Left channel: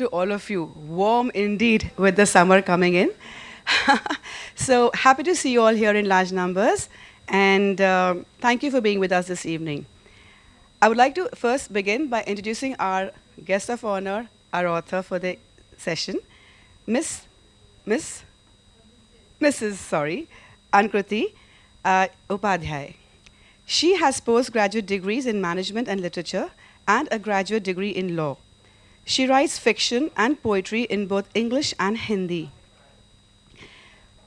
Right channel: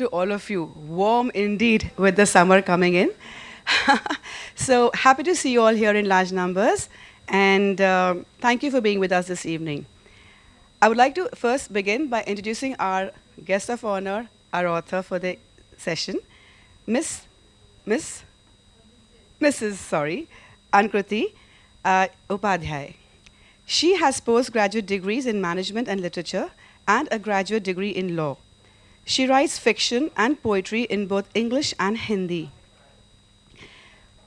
to all of you. Warm indeed with the summer coming in. So happy to see you all here in large numbers. And thank you for being with us this evening. I would like to first begin by introducing our guest of honor, our author for the session, Miss, Miss, Mrs. Sorry, Anukrti Upadhyay. She has postgraduate degrees in management and literature and a graduate degree in law. She writes fiction and poetry in both English and Hindi.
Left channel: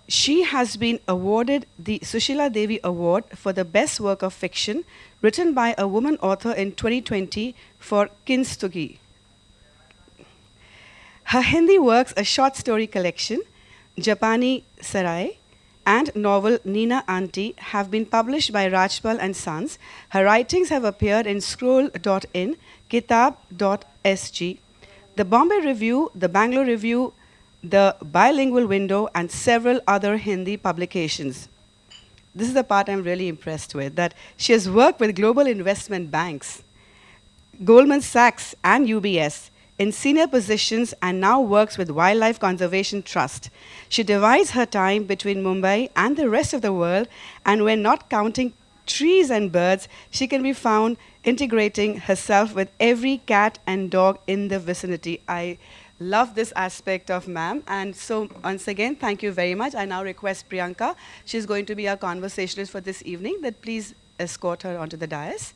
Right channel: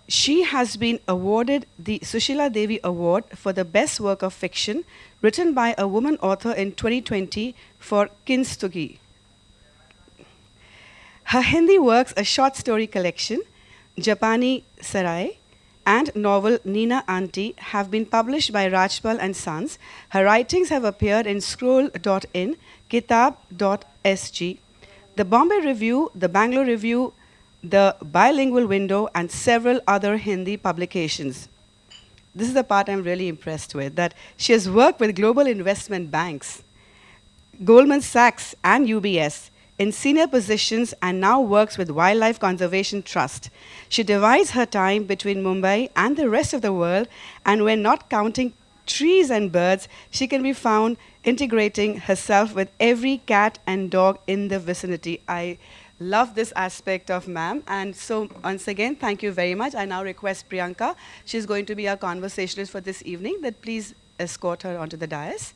She has been awarded the Sushila Devi Award for the best work of fiction written by a woman author in 2020 for Kinstugi. Her Hindi works, a short story collection, Japani Sarai, and novel Nina Auntie have been published by Rajpal and Sons. Her writings have appeared in Scroll.in, Kitab.sg, the Bombay Review, the Bangalore Review, the Bilingual Window, and several other Hindi publications. This is the part I'm really impressed with, that she has worked with global investment banks, Goldman Sachs and UBS, in senior positions and now works with Wildlife Conservation Trust. She divides her time between Mumbai and the rest of the world, and when not counting trees and birds, she can be found integrating herself with every cat and dog in the vicinity. I love this aspect of ma'am, and so once again, thank you very much. I now request Priyanka, she's going to be our conversationalist for this evening, that please escort her onto the dais.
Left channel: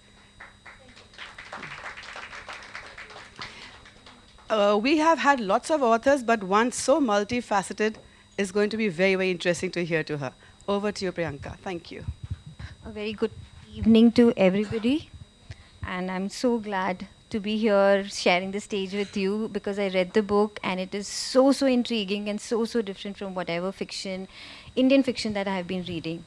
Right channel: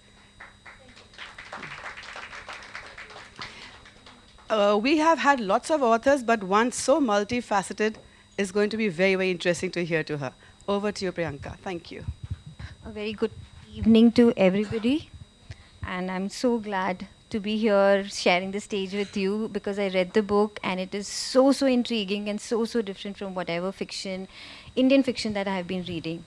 We have had lots of authors, but one so multifaceted is going to be very, very interesting to hear to her. Over to you, Priyanka. Thank you. A very good evening to everybody, and I'm so glad to be here sharing the stage with you because I read the book and it is so intriguing and so different from whatever fiction, Indian fiction that I have been reading.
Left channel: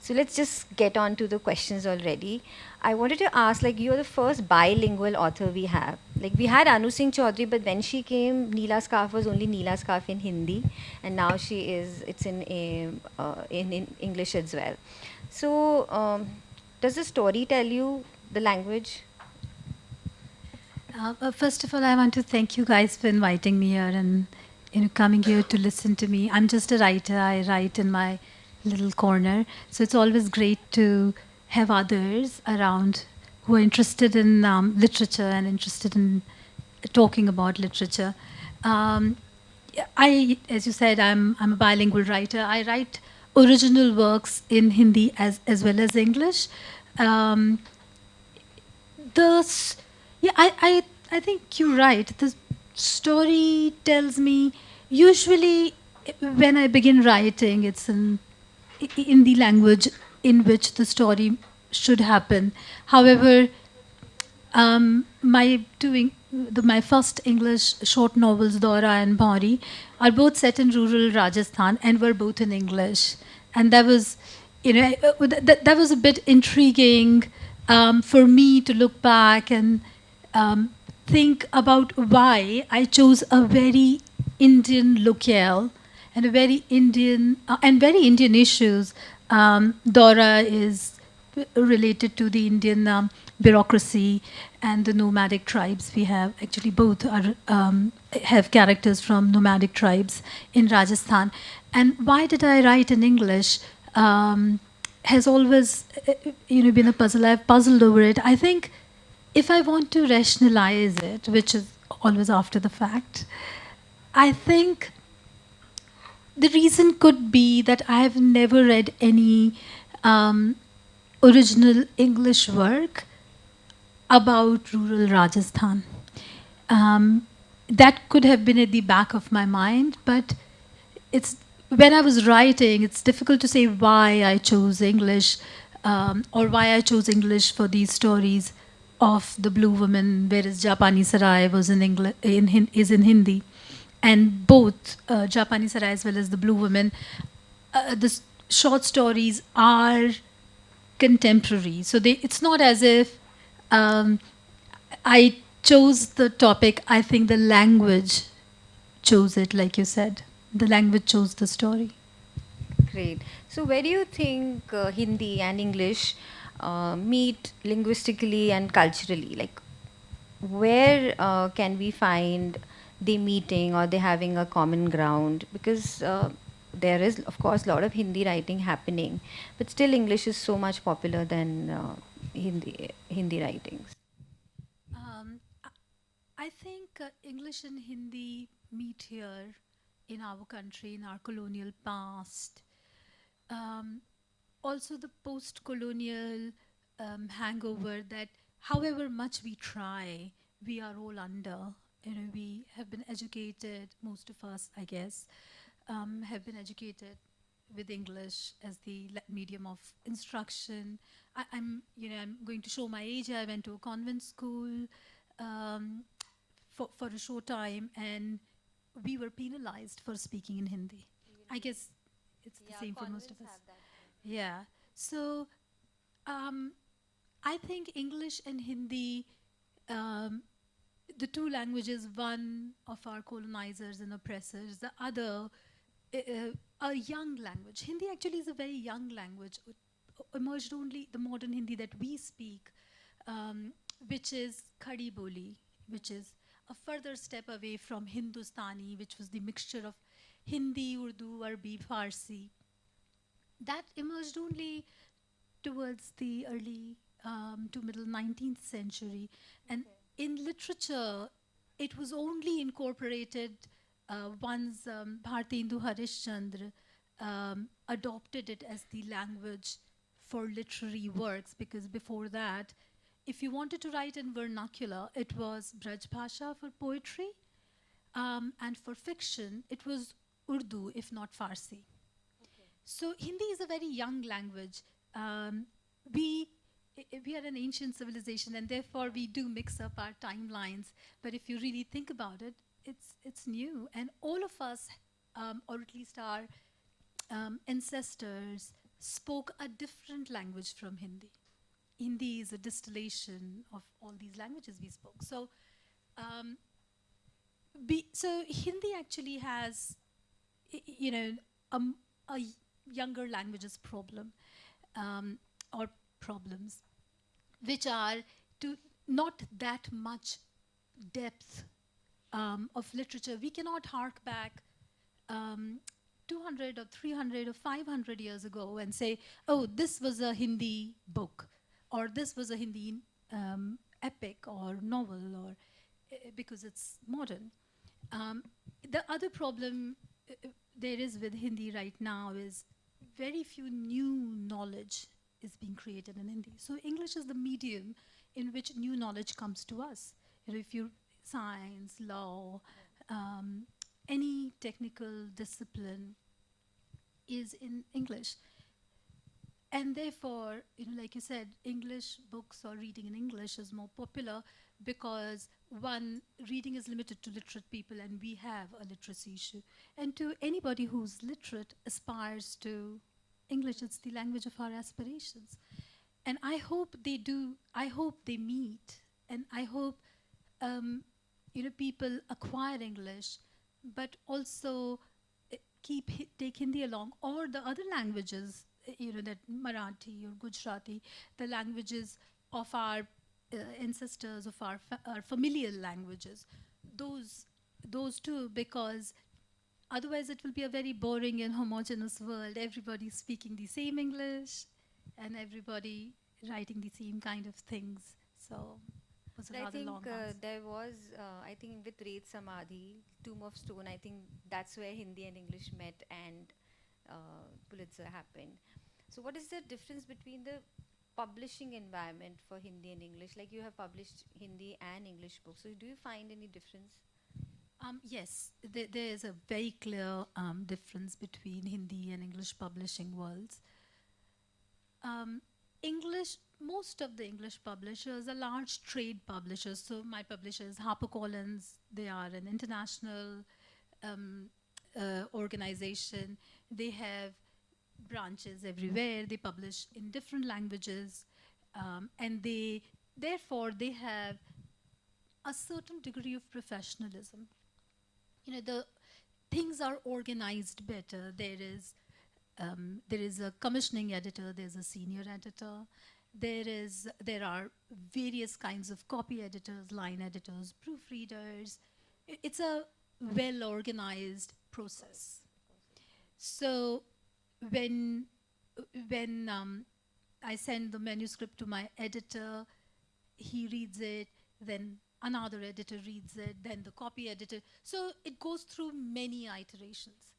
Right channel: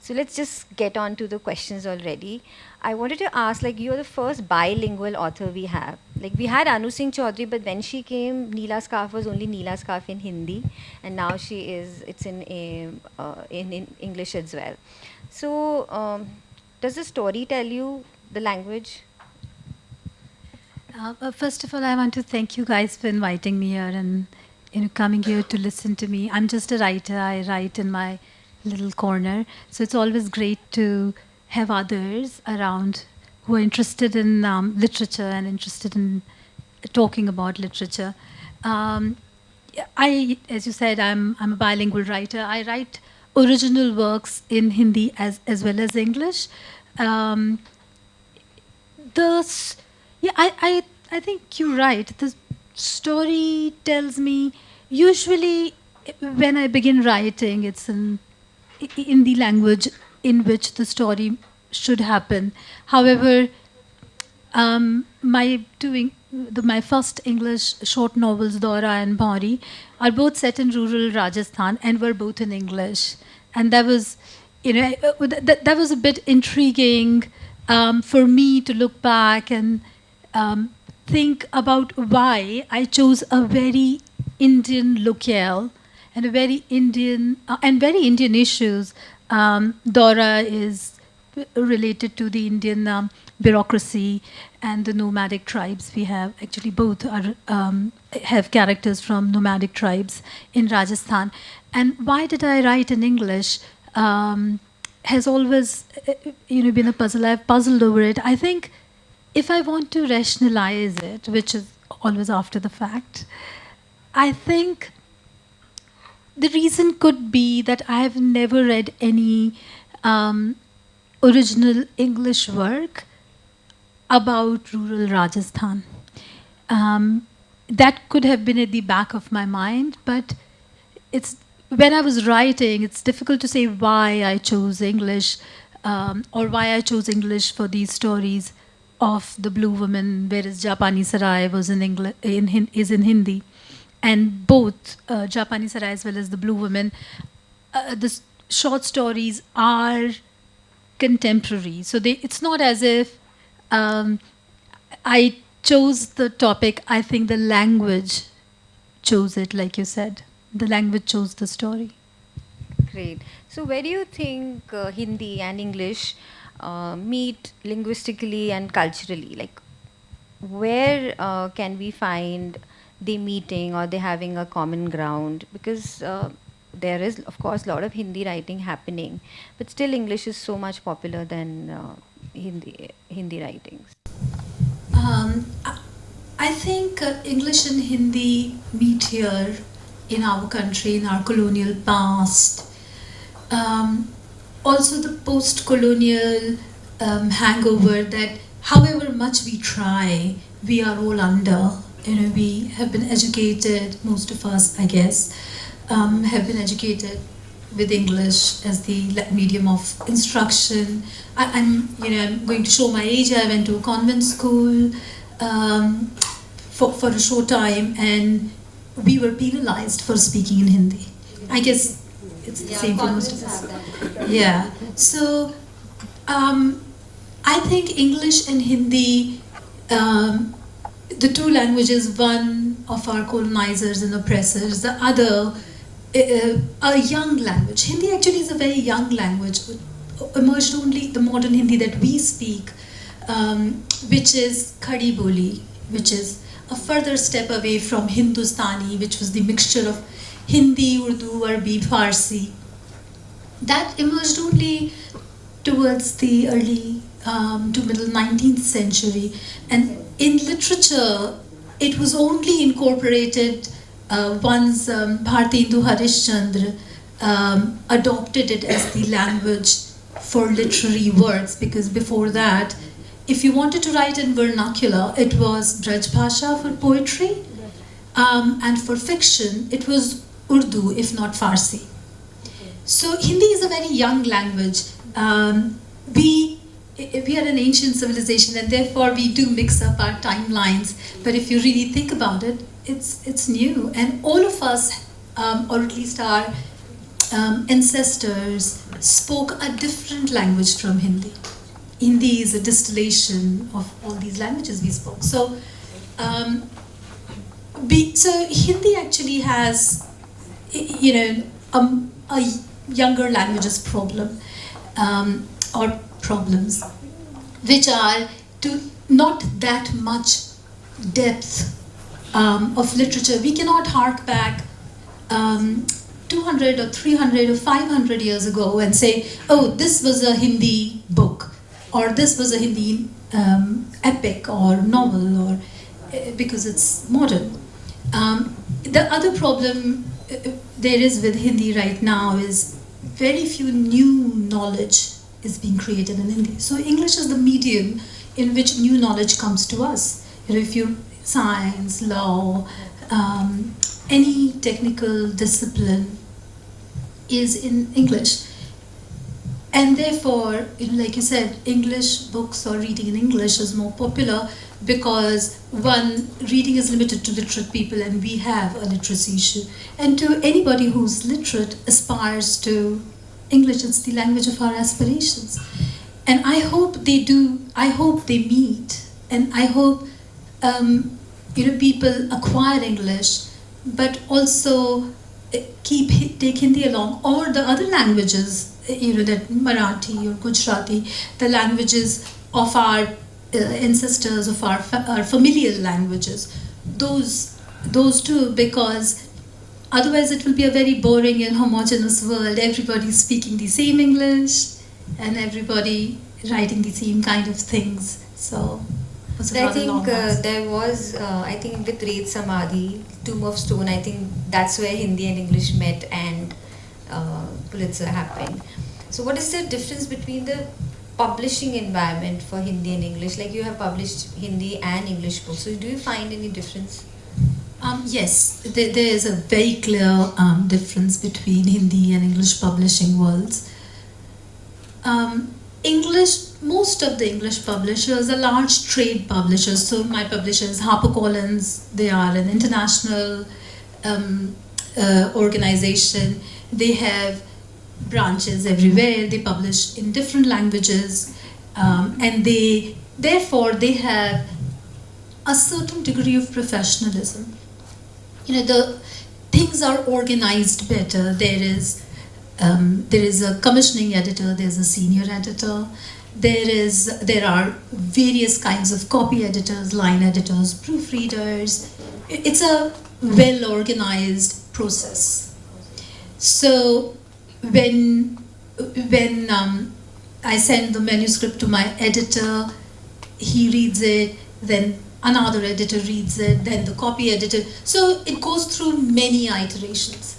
So let's just get on to the questions already. I wanted to ask, like, you're the first bilingual author we have. Like, we had Anu Singh Chaudhary, but when she came, Neela Scarf was only Neela Scarf in Hindi, and now it's in English as well. So, does the story tell you the language? First of all, I want to thank you guys for inviting me here and coming here to listen to me. I'm just a writer. I write in my little corner. So it's always great to have others around who are interested in literature and interested in talking about literature. As you said, I'm a bilingual writer. I write original works in Hindi as well as English. I think you're right. The story tells me, usually when I begin writing, it's in the language in which the story should happen. However, my first English short novels, Dora and Bhauri, are both set in rural Rajasthan and were both in English. And that was, that was a bit intriguing for me to look back and think about why I chose a very Indian locale and a very Indian issues. Dora is related to the Indian bureaucracy and the nomadic tribes we have. Actually, both are have characters from nomadic tribes in Rajasthan. And why did I write in English? Has always been a puzzle. I've puzzled over it. I think if I want to rationalize it, which is always after the fact, I think the reason could be that I have never read any original English work about rural Rajasthan. That could have been at the back of my mind, but when I was writing, it's difficult to say why I chose English or why I chose English for these stories of the Blue Woman, whereas Japani Sarai was is in Hindi. And both Japani Sarai as well as the Blue Woman, the short stories are contemporary. So it's not as if I chose the topic. I think the language chose it, like you said. The language chose the story. Great. So where do you think Hindi and English meet linguistically and culturally? Like, where can we find they meeting or they having a common ground, because there is of course a lot of Hindi writing happening, but still English is so much popular than Hindi writings. I think English and Hindi meet here in our country, in our colonial past. Also, the post-colonial hangover that, however much we try, we are all under. We have been educated, most of us, I guess, have been educated with English as the medium of instruction. I'm going to show my age. I went to a convent school for a short time, and we were penalized for speaking in Hindi. I guess it's the same for most of us. Yeah. So I think English and Hindi, the two languages, one of our colonizers and oppressors, the other a young language. Hindi actually is a very young language. Emerged only the modern Hindi that we speak, which is Khadi Boli, which is a further step away from Hindustani, which was the mixture of Hindi, Urdu, Arabic, Farsi. That emerged only towards the early to middle 19th century. And in literature, it was only incorporated once Bhartendra Harishchandra adopted it as the language for literary works, because before that, if you wanted to write in vernacular, it was Braj Bhasha for poetry, and for fiction, it was Urdu, if not Farsi. So Hindi is a very young language. We are an ancient civilization, and therefore we do mix up our timelines. But if you really think about it, it's new, and all of us, or at least our ancestors, spoke a different language from Hindi. Hindi is a distillation of all these languages we spoke. So, so Hindi actually has, a younger languages problem, or problems, which are to not that much depth of literature. We cannot hark back 200 or 300 or 500 years ago and say, oh, this was a Hindi book, or this was a Hindi epic or novel, or because it's modern. The other problem there is with Hindi right now is very few new knowledge is being created in Hindi. So English is the medium in which new knowledge comes to us. If you science, law, any technical discipline is in English. And therefore, like you said, English books or reading in English is more popular because, one, reading is limited to literate people, and we have a literacy issue. And to anybody who's literate aspires to English. It's the language of our aspirations. And I hope they do, I hope they meet, and I hope people acquire English, but also take Hindi along, or the other languages, that Marathi or Gujarati, the languages of our ancestors, of our familial languages, those two, because otherwise it will be a very boring and homogeneous world. Everybody speaking the same English and everybody writing the same kind of things. So I think there was, I think with Red Samadhi, Tomb of Stone, I think that's where Hindi and English met and Pulitzer happened. So what is the difference between the publishing environment for Hindi and English? Like, you have published Hindi and English books, so do you find any difference? Yes, there is a very clear difference between Hindi and English publishing worlds. Most of the English publishers are large trade publishers. So my publisher is HarperCollins. They are an international organization. They have branches everywhere. They publish in different languages, and therefore they have a certain degree of professionalism. The things are organized better. There is a commissioning editor, there's a senior editor, there are various kinds of copy editors, line editors, proofreaders, it's a well-organized process. So when I send the manuscript to my editor, he reads it, then another editor reads it, then the copy editor. So it goes through many iterations.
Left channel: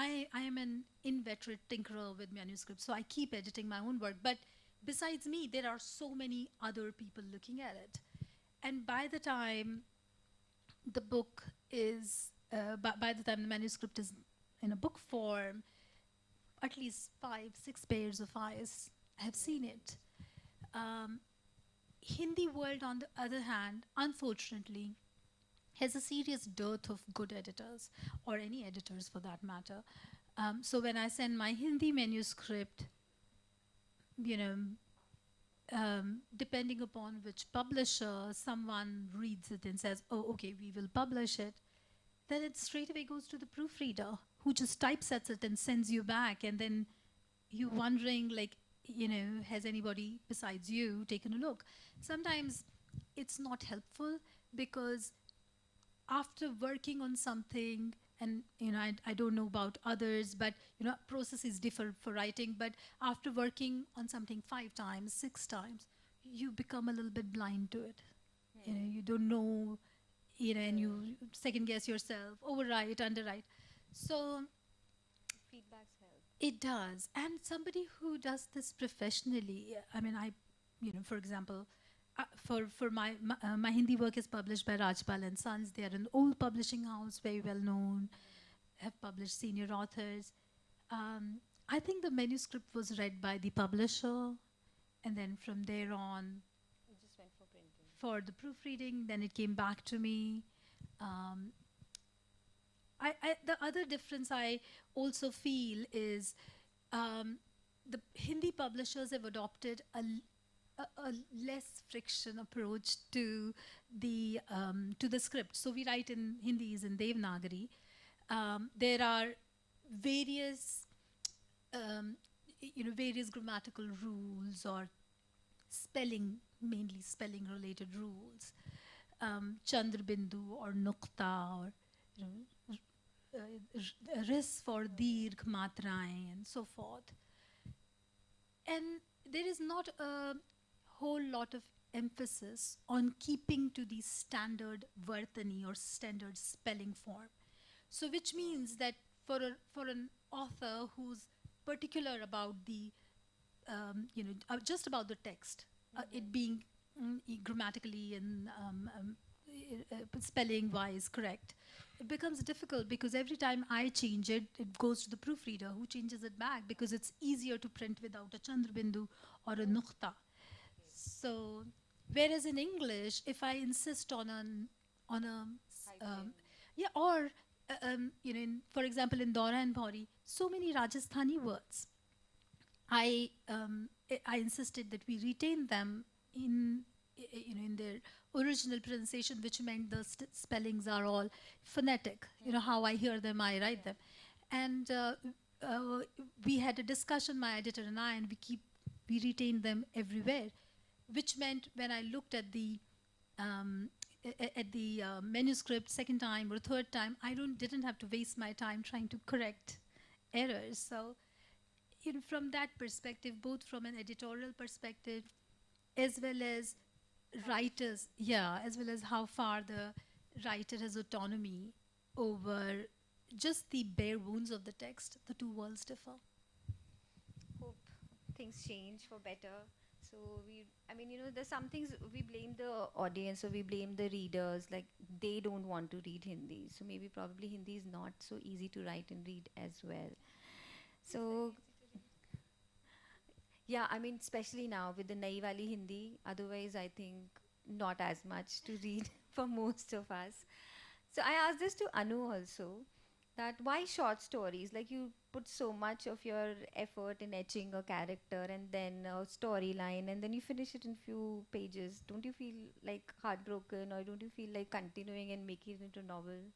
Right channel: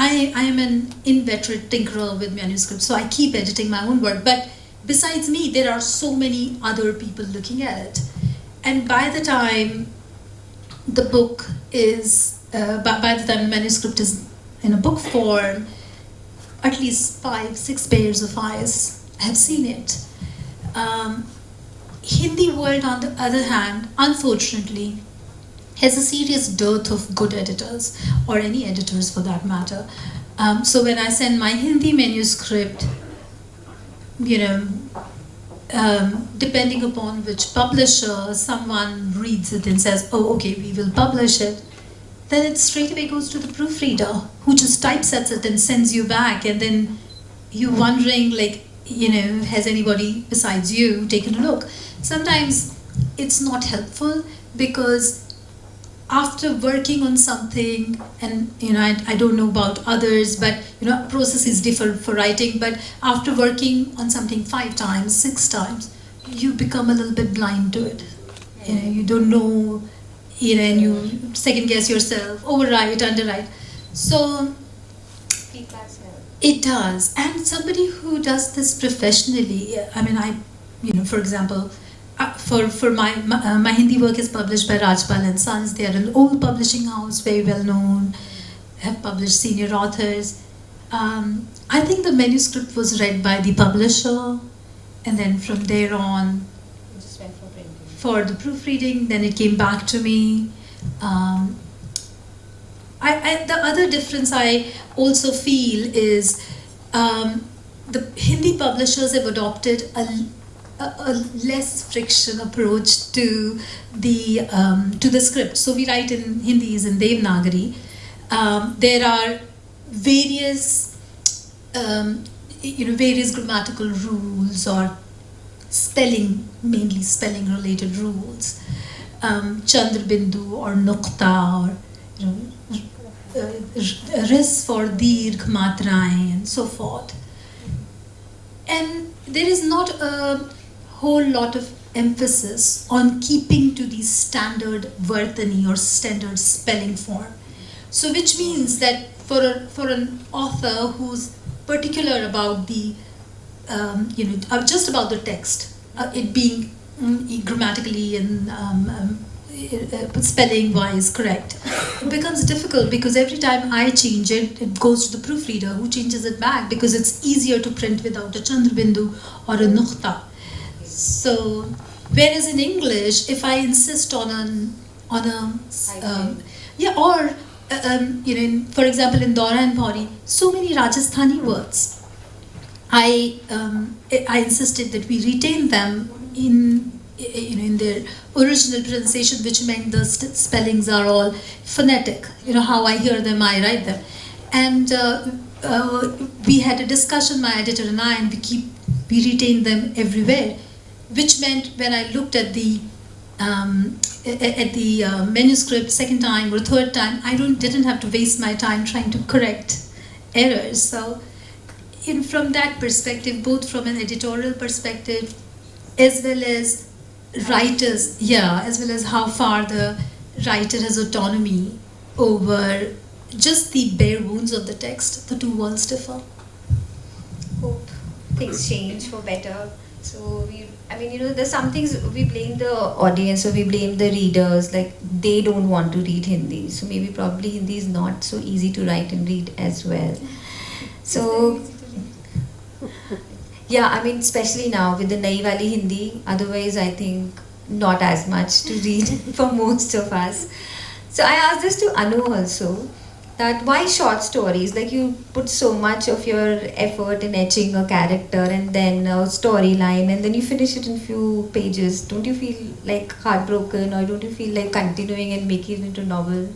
I am an inveterate tinkerer with manuscripts, so I keep editing my own work. But besides me, there are so many other people looking at it. And by the time the book is, by the time the manuscript is in a book form, at least 5-6 pairs of eyes have seen it. Hindi world, on the other hand, unfortunately, has a serious dearth of good editors, or any editors for that matter. So when I send my Hindi manuscript, depending upon which publisher, someone reads it and says, oh, okay, we will publish it, then it straight away goes to the proofreader, who just typesets it and sends you back, and then you're wondering, like, has anybody besides you taken a look? Sometimes it's not helpful, because after working on something, and I don't know about others, but processes differ for writing, but after working on something 5 times, 6 times, you become a little bit blind to it. You don't know, and you second guess yourself, overwrite, underwrite. So it does. And somebody who does this professionally, for example, for my Hindi work is published by Rajpal and Sons. They are an old publishing house, very well known, have published senior authors. I think the manuscript was read by the publisher, and then from there on, it just went for the proofreading. Then it came back to me. The other difference I also feel is the Hindi publishers have adopted a less friction approach to the script. So we write in Hindi is in Devanagari. There are various various grammatical rules, or mainly spelling related rules. Chandra Bindu or Nukta, or ris for dirgh matraएं, and so forth. And there is not a whole lot of emphasis on keeping to the standard Vartani or standard spelling form. So which means that for an author who's particular about the just about the text, it being grammatically and spelling wise correct, it becomes difficult, because every time I change it, it goes to the proofreader, who changes it back, because it's easier to print without a Chandra Bindu or a Nukta. So whereas in English, if I insist on a for example, in Dora and Pauri, so many Rajasthani words, I insisted that we retain them in their original pronunciation, which meant the spellings are all phonetic. How I hear them, I write them. And we had a discussion, my editor and I, and we retained them everywhere, which meant when I looked at the manuscript second time or third time, I didn't have to waste my time trying to correct errors. So from that perspective, both from an editorial perspective, as well as writers, as well as how far the writer has autonomy over just the bare bones of the text, the two worlds differ. Hope things change for better. So there's some things we blame the audience, or we blame the readers, like they don't want to read Hindi. So probably Hindi is not so easy to write and read as well. So especially now with the Nai Wali Hindi, otherwise I think not as much to read for most of us. So I asked this to Anu also, that why short stories? Like, you put so much of your effort in etching a character and then a storyline, and then you finish it in few pages. Don't you feel like heartbroken, or don't you feel like continuing and making it into a novel?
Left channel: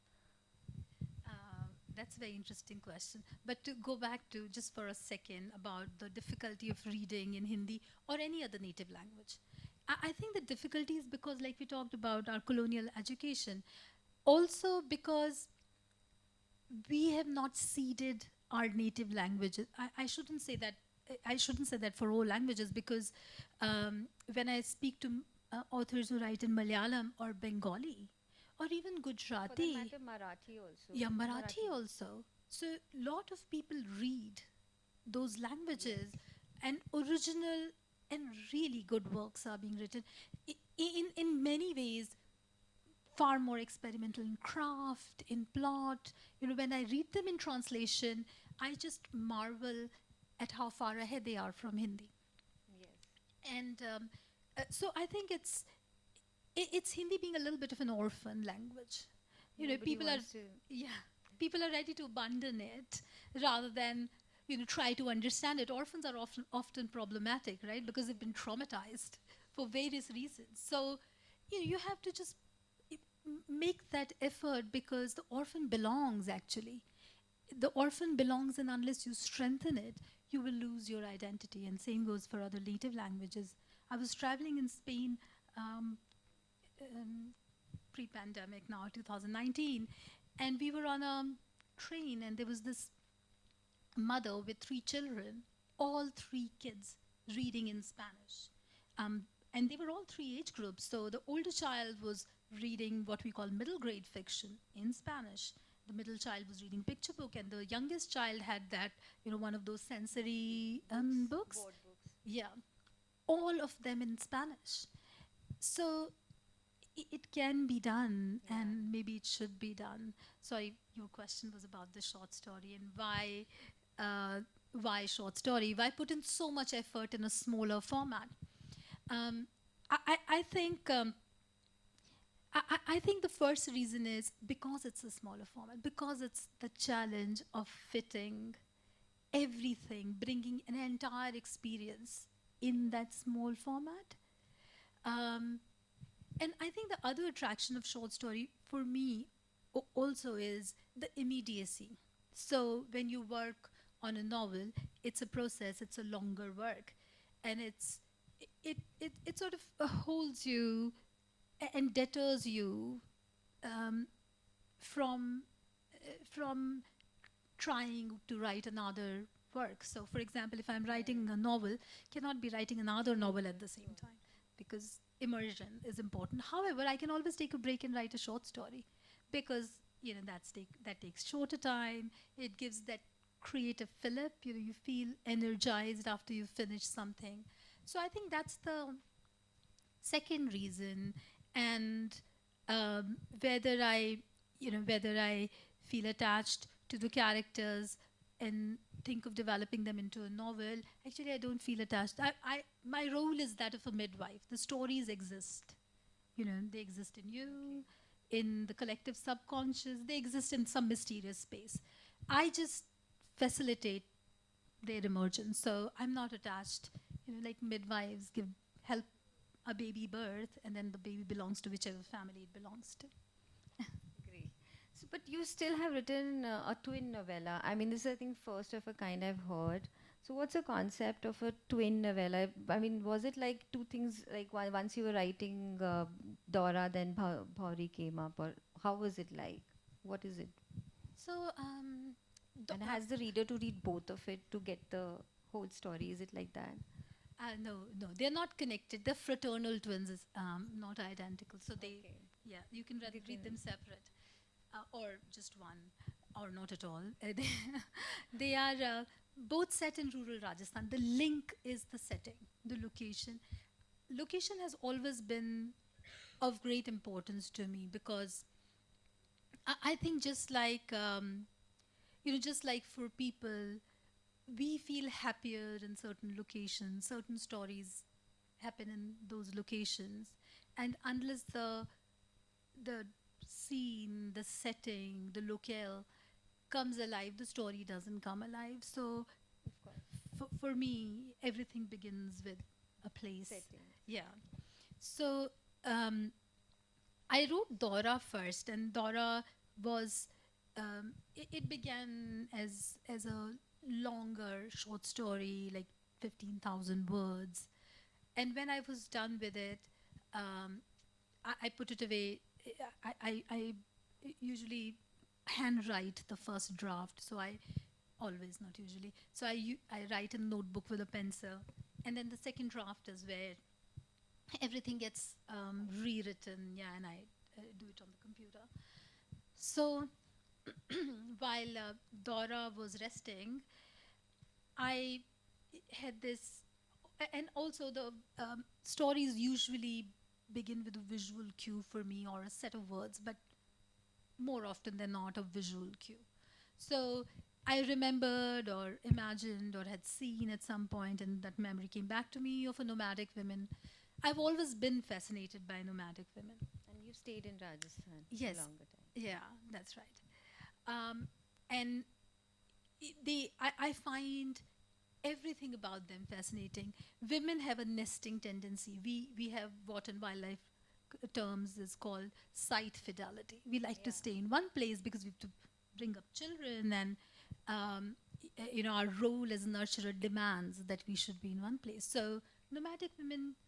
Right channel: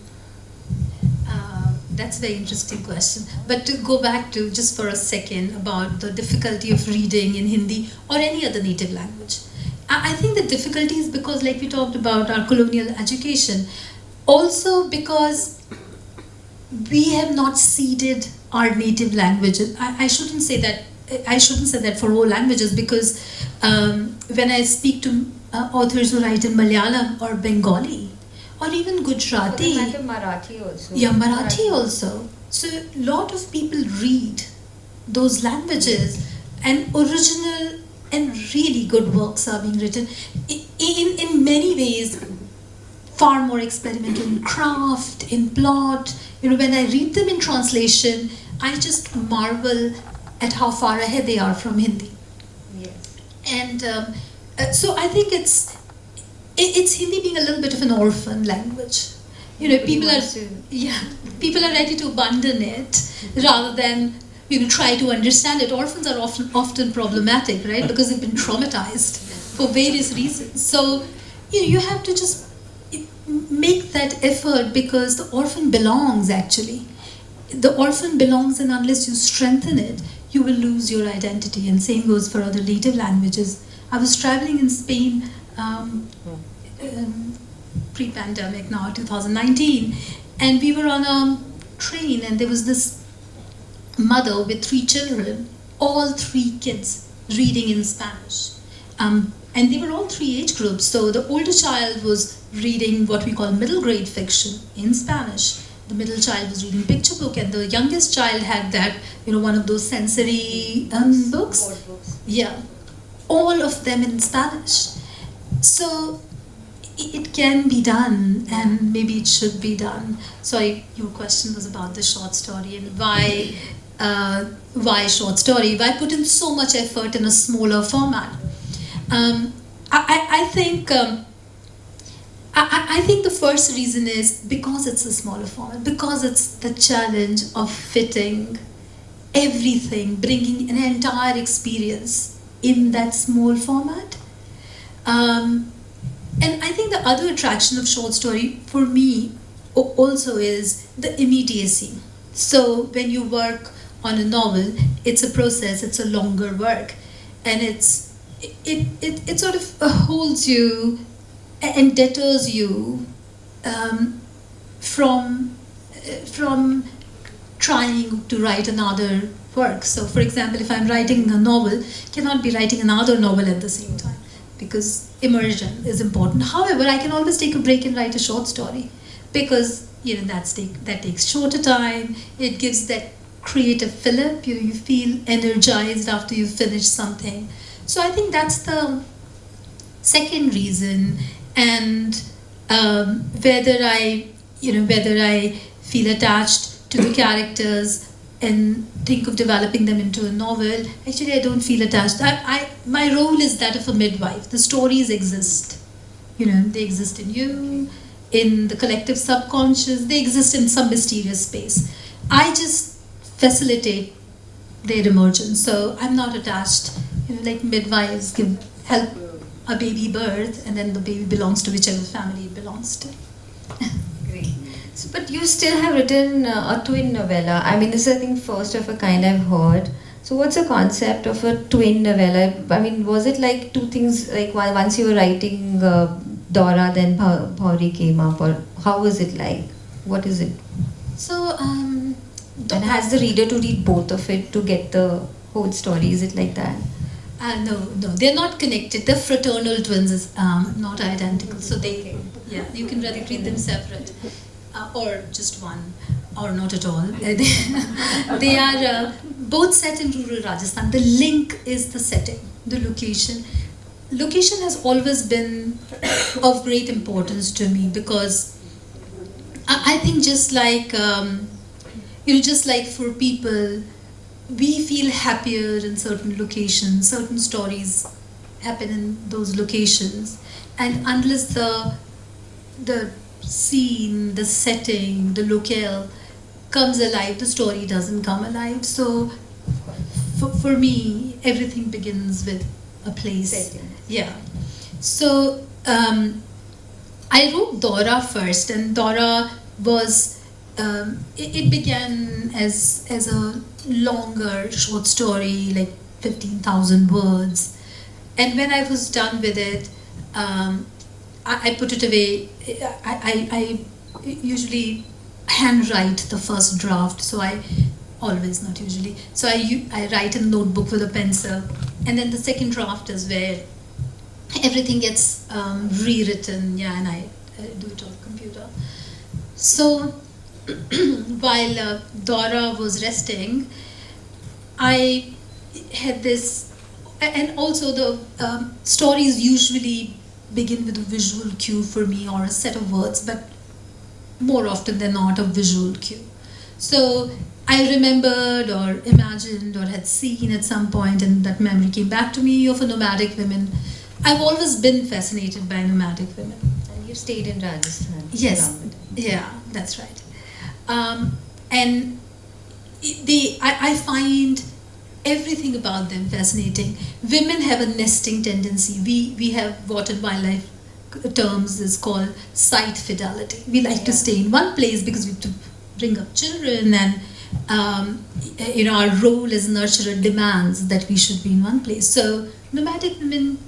That's a very interesting question. But to go back to just for a second about the difficulty of reading in Hindi or any other native language, I think the difficulty is because, like we talked about, our colonial education. Also because we have not ceded our native languages. I shouldn't say that. I shouldn't say that for all languages, because when I speak to authors who write in Malayalam or Bengali or even Gujarati, Marathi also. yeah, Marathi also. So a lot of people read those languages, and original and really good works are being written. In many ways, far more experimental in craft, in plot. When I read them in translation, I just marvel at how far ahead they are from Hindi. Yes. And so I think it's Hindi being a little bit of an orphan language. People are ready to abandon it rather than try to understand it. Orphans are often problematic, right? Because they've been traumatized for various reasons. So you have to just make that effort, because the orphan belongs, actually. The orphan belongs, and unless you strengthen it, you will lose your identity. And same goes for other native languages. I was traveling in Spain pre-pandemic now, 2019, and we were on a train, and there was this mother with 3 children, all 3 kids reading in Spanish. And they were all 3 age groups. So the older child was reading what we call middle grade fiction in Spanish. The middle child was reading picture book, and the youngest child had that, one of those sensory books. Yeah, all of them in Spanish. So it can be done, and maybe it should be done. Sorry, your question was about the short story and why short story? Why put in so much effort in a smaller format? I think the first reason is because it's a smaller format, because it's the challenge of fitting everything, bringing an entire experience in that small format. And I think the other attraction of short story for me also is the immediacy. So when you work on a novel, it's a process, it's a longer work, and it sort of holds you and deters you from trying to write another work. So for example, if I'm writing a novel, I cannot be writing another novel at the same time, because immersion is important. However, I can always take a break and write a short story, because that takes shorter time. It gives that creative fillip. You feel energized after you've finished something. So I think that's the second reason. And whether I feel attached to the characters and think of developing them into a novel, actually I don't feel attached. My role is that of a midwife. The stories exist. They exist in you, in the collective subconscious. They exist in some mysterious space. I just facilitate their emergence. So I'm not attached. Like midwives help a baby birth, and then the baby belongs to whichever family it belongs to. Great. So, but you still have written a twin novella. I mean, this is, I think, first of a kind I've heard. So what's the concept of a twin novella? I mean, was it like two things, like once you were writing Dora, then Bhauri came up, or how was it like? What is it? So, and has the reader to read both of it to get the whole story? Is it like that? No, they're not connected. They're fraternal twins, not identical. So you can rather read them separate, or just one, or not at all. They are both set in rural Rajasthan. The link is the setting, the location. Location has always been of great importance to me, because I think just like for people, we feel happier in certain locations. Certain stories happen in those locations, and unless the scene, the setting, the locale comes alive, the story doesn't come alive. So for me, everything begins with a place. Setting. Yeah. So I wrote Dora first, and Dora was it began as a longer short story, like 15,000 words, And when I was done with it, I put it away. I usually handwrite the first draft, so I always, not usually. So I write in a notebook with a pencil, and then the second draft is where everything gets rewritten, yeah, and I do it on the computer. So while Dora was resting, I had this, and also the stories usually begin with a visual cue for me or a set of words, but more often than not a visual cue. So I remembered or imagined or had seen at some point, and that memory came back to me, of a nomadic women. I've always been fascinated by nomadic women. And you stayed in Rajasthan. Yes, yeah, that's right. And I find everything about them fascinating. Women have a nesting tendency. We have what in wildlife terms is called site fidelity. We like to stay in one place because we have to bring up children, and our role as nurturer demands that we should be in one place. So nomadic women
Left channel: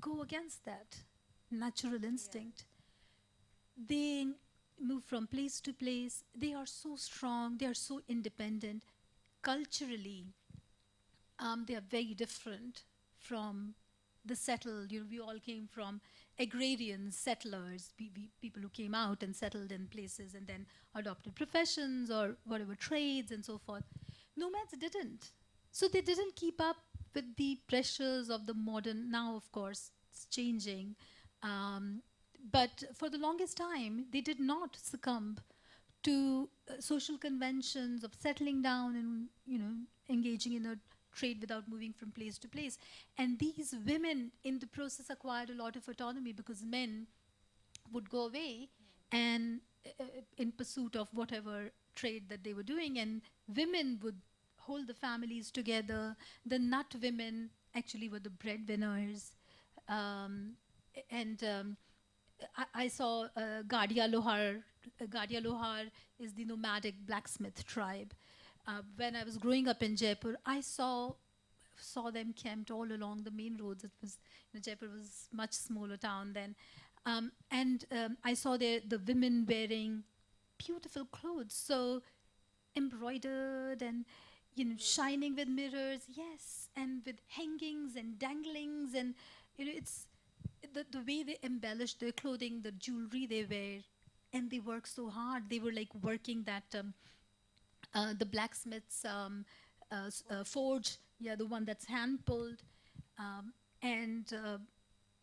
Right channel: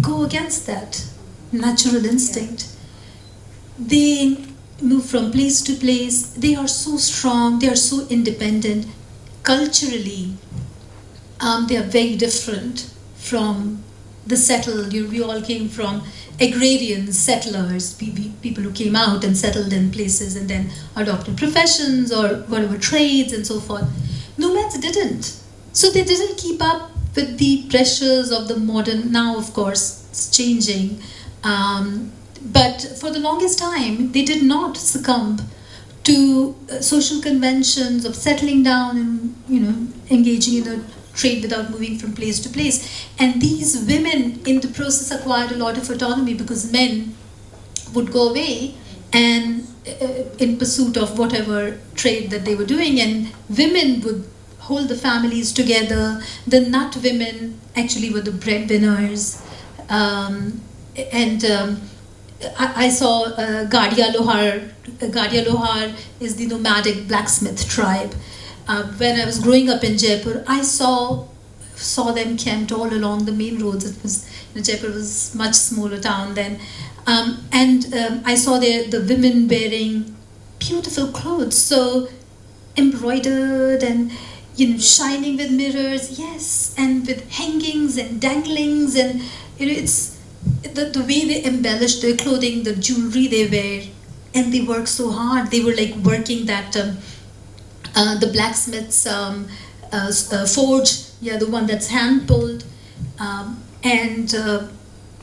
go against that natural instinct. They move from place to place. They are so strong. They are so independent. Culturally, they are very different from the settled. We all came from agrarian settlers, people who came out and settled in places and then adopted professions or whatever trades and so forth. Nomads didn't. So they didn't keep up with the pressures of the modern. Now, of course, it's changing. But for the longest time, they did not succumb to social conventions of settling down and engaging in a trade without moving from place to place. And these women in the process acquired a lot of autonomy, because men would go away and in pursuit of whatever trade that they were doing, and women would hold the families together. The nut women actually were the breadwinners. I saw Gadia Lohar. Gadia Lohar is the nomadic blacksmith tribe. When I was growing up in Jaipur, I saw them camped all along the main roads. It was, Jaipur was a much smaller town then, I saw the women wearing beautiful clothes, so embroidered and shining with mirrors, yes, and with hangings and danglings, and it's the way they embellish their clothing, the jewelry they wear, and they work so hard. They were like working that the blacksmith's forge, yeah, the one that's hand pulled, and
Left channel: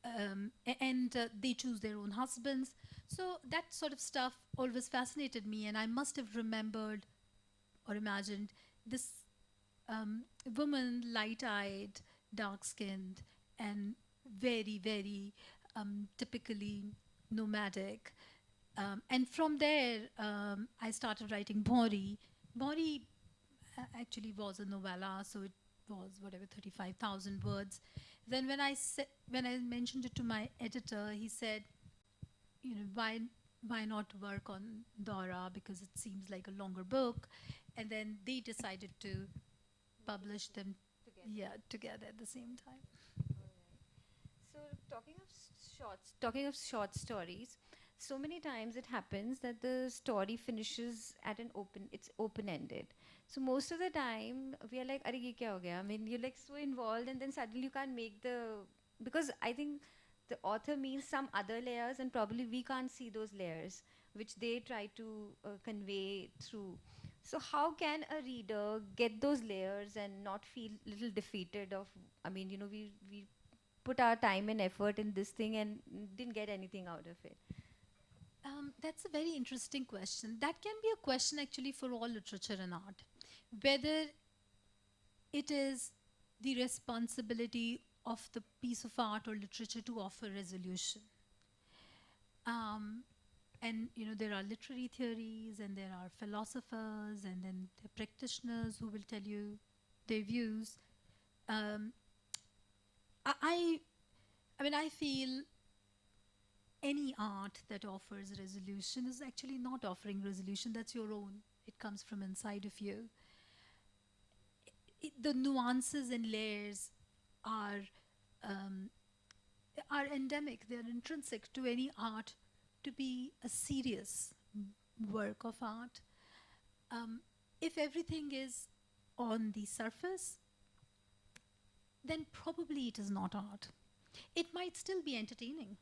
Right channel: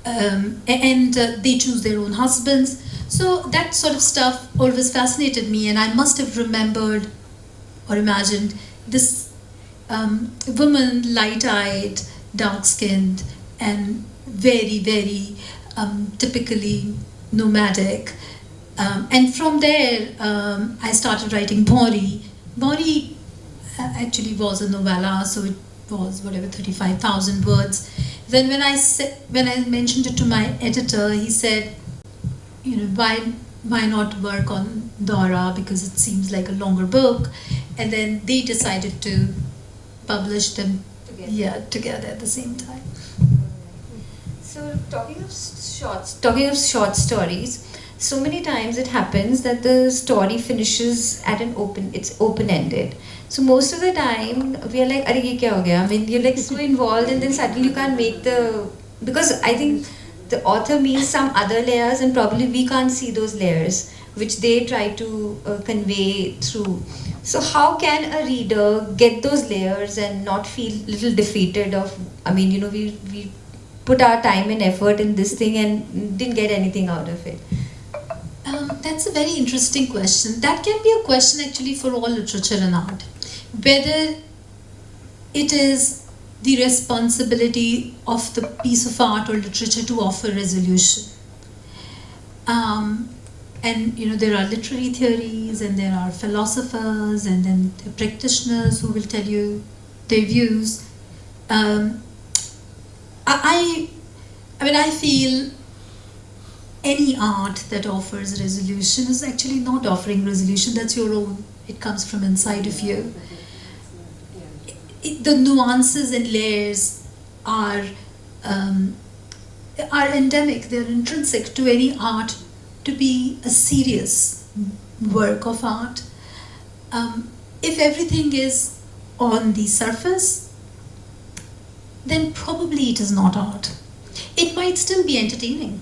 they choose their own husbands. So that sort of stuff always fascinated me, and I must have remembered or imagined this woman, light-eyed, dark-skinned, and very, very typically nomadic. And from there, I started writing Bori. Bori actually was a novella, so it was whatever 35,000 words. Then when I mentioned it to my editor, he said, why not work on Dora, because it seems like a longer book. And then they decided to publish them together at the same time. So talking of short stories, so many times it happens that the story finishes at it's open-ended. So most of the time we are like, "Arey, ye kya ho gaya?" I mean, you're like so involved, and then suddenly you can't make because I think the author means some other layers, and probably we can't see those layers which they try to convey through. So how can a reader get those layers and not feel little defeated we put our time and effort in this thing and didn't get anything out of it? That's a very interesting question. That can be a question actually for all literature and art. Whether it is the responsibility of the piece of art or literature to offer resolution. There are literary theories, and there are philosophers, and then the practitioners who will tell you their views. I feel any art that offers resolution is actually not offering resolution. That's your own. It comes from inside of you. The nuances and layers are um, are endemic, they're intrinsic to any art to be a serious work of art. If everything is on the surface, then probably it is not art. It might still be entertaining.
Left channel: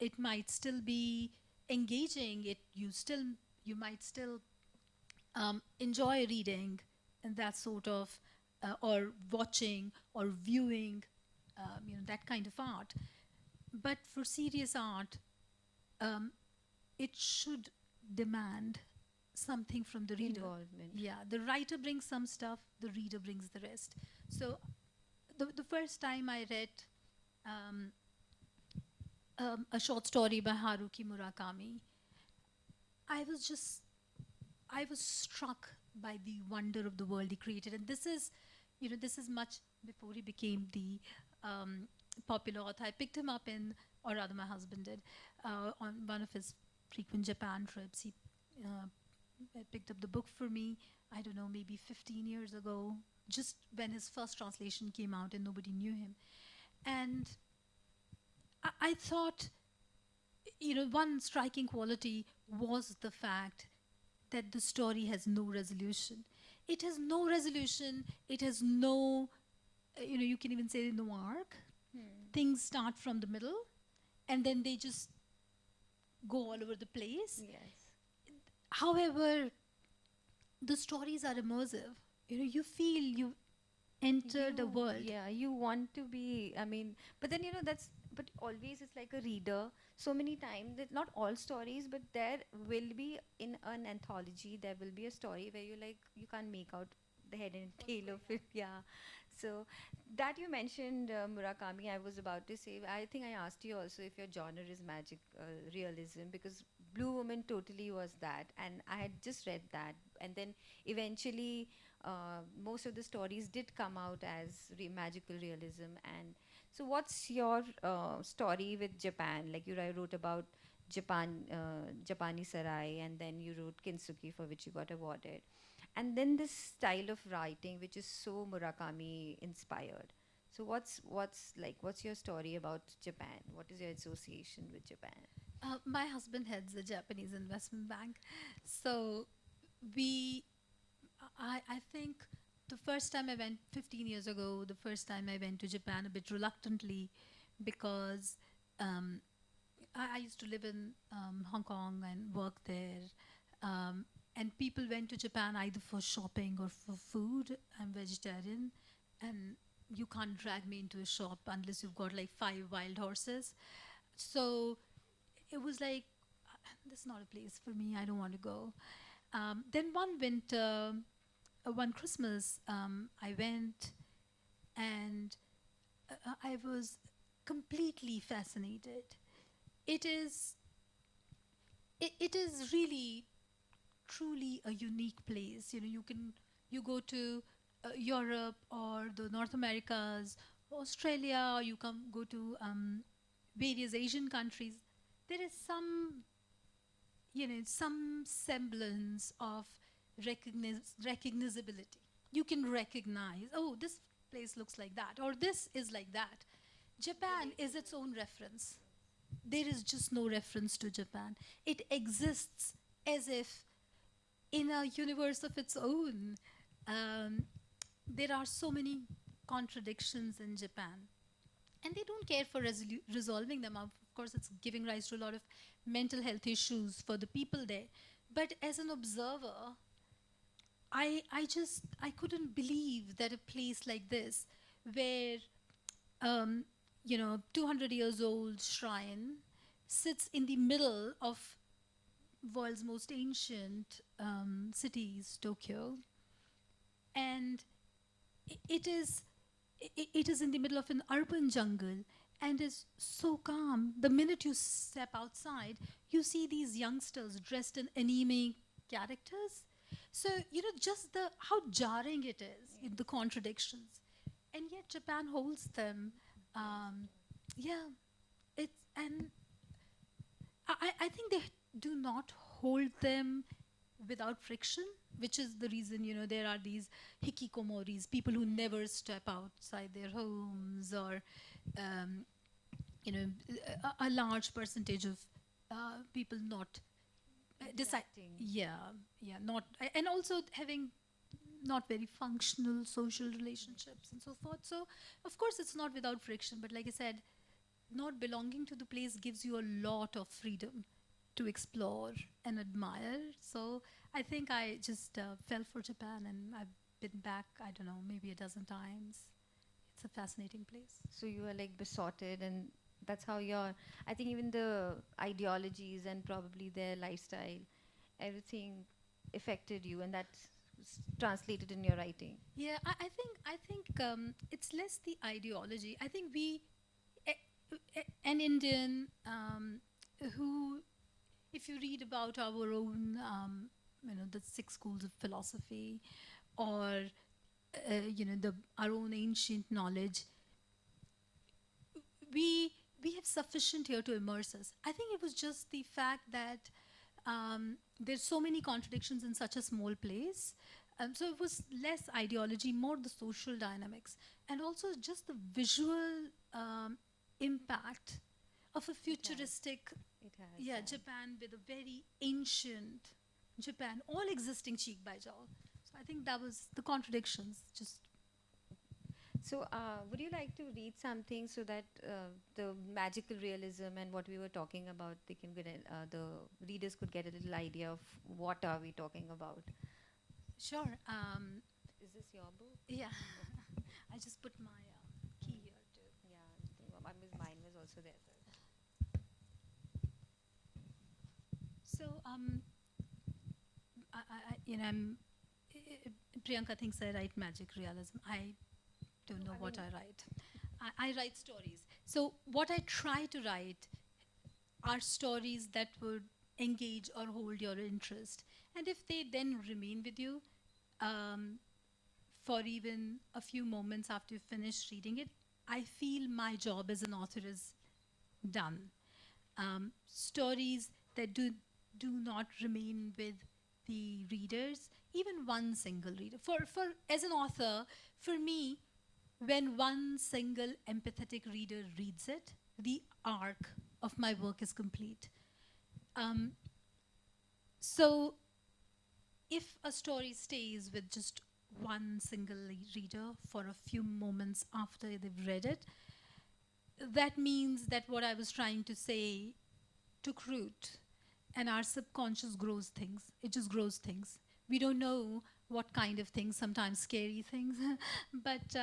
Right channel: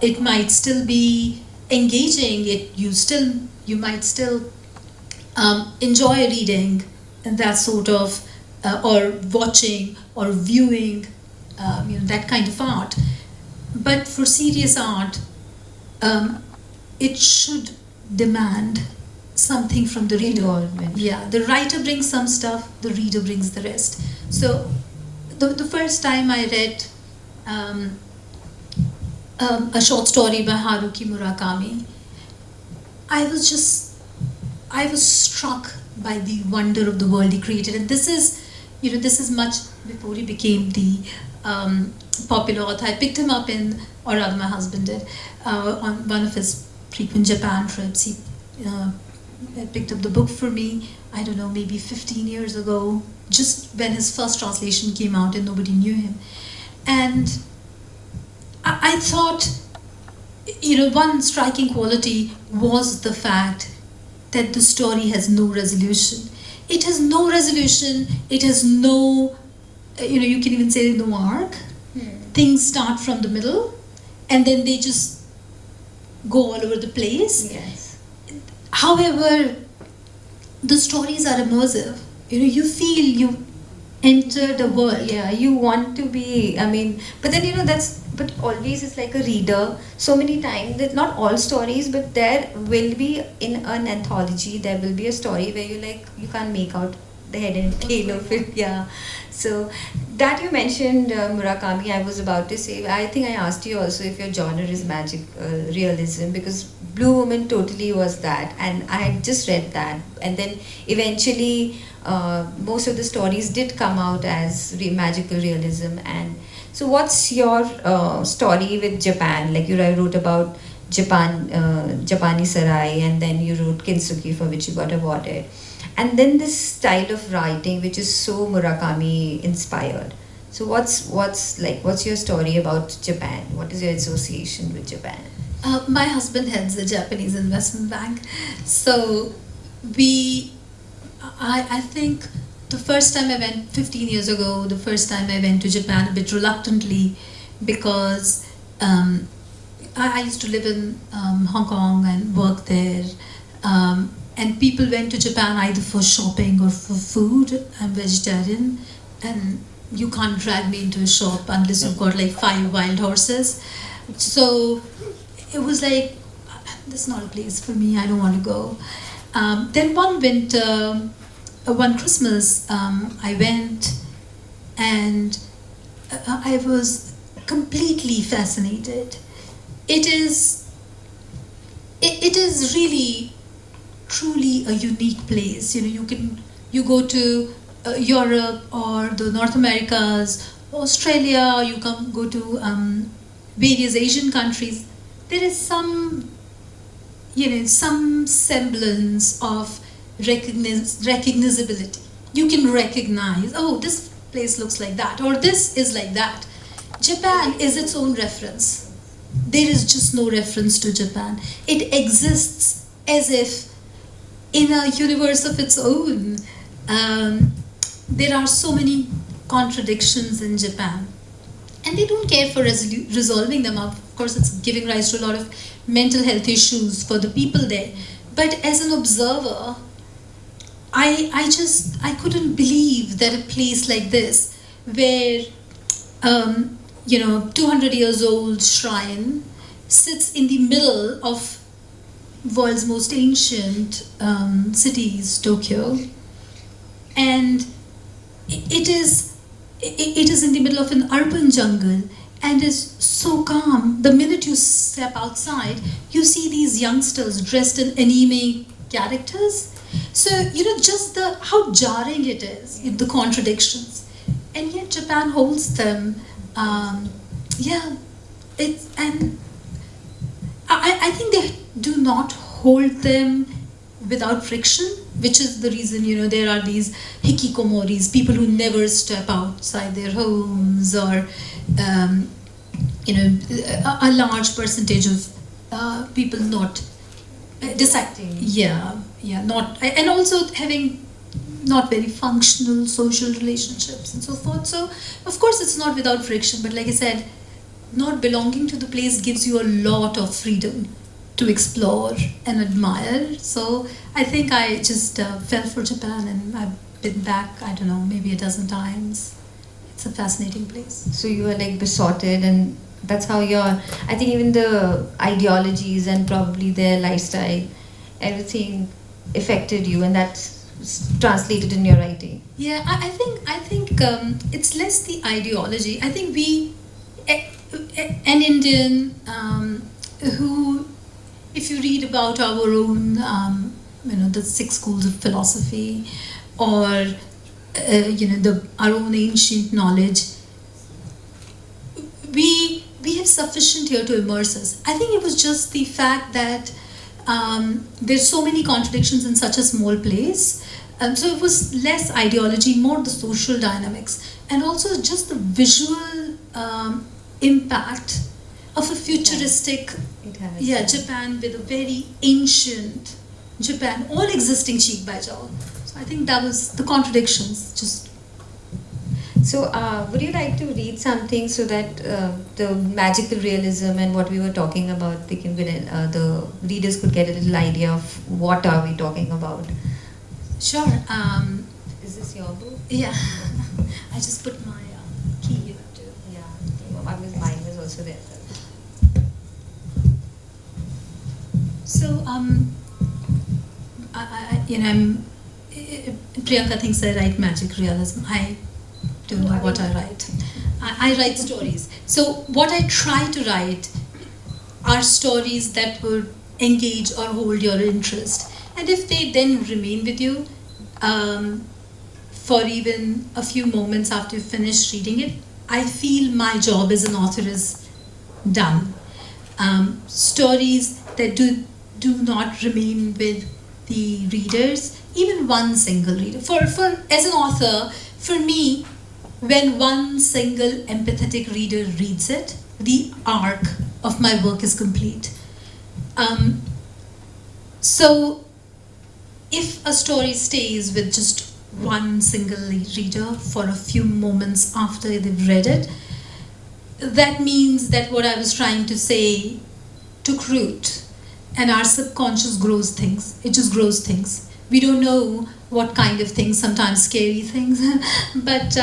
It might still be engaging. You might still enjoy reading and that sort of, or watching or viewing, that kind of art. But for serious art, it should demand something from the reader. Involvement. Yeah, the writer brings some stuff, the reader brings the rest. So the first time I read a short story by Haruki Murakami, I was struck by the wonder of the world he created. And this is much before he became the popular author. I picked him up or rather my husband did, on one of his frequent Japan trips. He picked up the book for me, I don't know, maybe 15 years ago, just when his first translation came out and nobody knew him. And I thought, one striking quality was the fact that the story has no resolution. It has no resolution, it has no, you can even say no arc. Things start from the middle and then they just go all over the place. Yes. However, the stories are immersive. You feel you enter the world. Yeah, you want to be, but then but always it's like a reader. So many times, that not all stories, but there will be in an anthology, there will be a story where you can't make out the head and tail of it. Yeah. So that you mentioned Murakami, I was about to say, I think I asked you also if your genre is magic realism, because Blue Woman totally was that, and I had just read that, and then eventually most of the stories did come out as magical realism. And so what's your story with Japan? Like you wrote about Japani Sarai, and then you wrote Kintsugi, for which you got awarded. And then this style of writing, which is so Murakami inspired. So what's your story about Japan? What is your association with Japan? My husband heads a Japanese investment bank. So I think the first time I went 15 years ago, the first time I went to Japan a bit reluctantly, because I used to live in Hong Kong and work there. And people went to Japan either for shopping or for food. I'm vegetarian, and you can't drag me into a shop unless you've got 5 wild horses. So it was like, this is not a place for me, I don't want to go. Then one winter, one Christmas, I went, and I was completely fascinated. It is really truly a unique place. You go to Europe or the North Americas, Australia, you go to various Asian countries. There is some semblance of recognizability. You can recognize, oh, this place looks like that, or this is like that. Japan is its own reference. There is just no reference to Japan. It exists as if in a universe of its own. There are so many contradictions in Japan, and they don't care for resolving them. Of course, it's giving rise to a lot of mental health issues for the people there. But as an observer, I couldn't believe that a place like this, where 200 years old shrine sits in the middle of world's most ancient cities, Tokyo, and it is in the middle of an urban jungle and is so calm. The minute you step outside, you see these youngsters dressed in anime characters. So just how jarring it is, the contradictions, and yet Japan holds them. I think they do not hold them without friction. which is the reason, there are these hikikomoris, people who never step outside their homes, or a large percentage of people not deciding, not, and also having not very functional social relationships and so forth. So of course it's not without friction, but like I said, not belonging to the place gives you a lot of freedom to explore and admire. So I think I just fell for Japan, and I've been back, I don't know, maybe a dozen times. It's a fascinating place. So you were like besotted, and that's how I think even the ideologies and probably their lifestyle, everything affected you, and that's translated in your writing. Yeah, I think it's less the ideology. I think an Indian who, if you read about our own, the 6 schools of philosophy, or our own ancient knowledge, we have sufficient here to immerse us. I think it was just the fact that there's so many contradictions in such a small place. So it was less ideology, more the social dynamics, and also just the visual impact of a futuristic Japan with a very ancient Japan, all existing cheek by jowl. So I think that was the contradictions. Just. So would you like to read something so that the magical realism and what we were talking about, the readers could get a little idea of what are we talking about? Sure. Is this your book? Yeah. I just put my key here too. Yeah. Mine was also there. So, Priyanka thinks I write magic realism. I don't know what I write. I write stories. So what I try to write are stories that would engage or hold your interest. And if they then remain with you for even a few moments after you finish reading it, I feel my job as an author is done. Stories that do not remain with the readers, even one single reader. As an author, for me, when one single empathetic reader reads it, the arc of my work is complete. So if a story stays with just one single reader for a few moments after they've read it, that means that what I was trying to say took root, and our subconscious grows things. It just grows things. We don't know what kind of things, sometimes scary things, but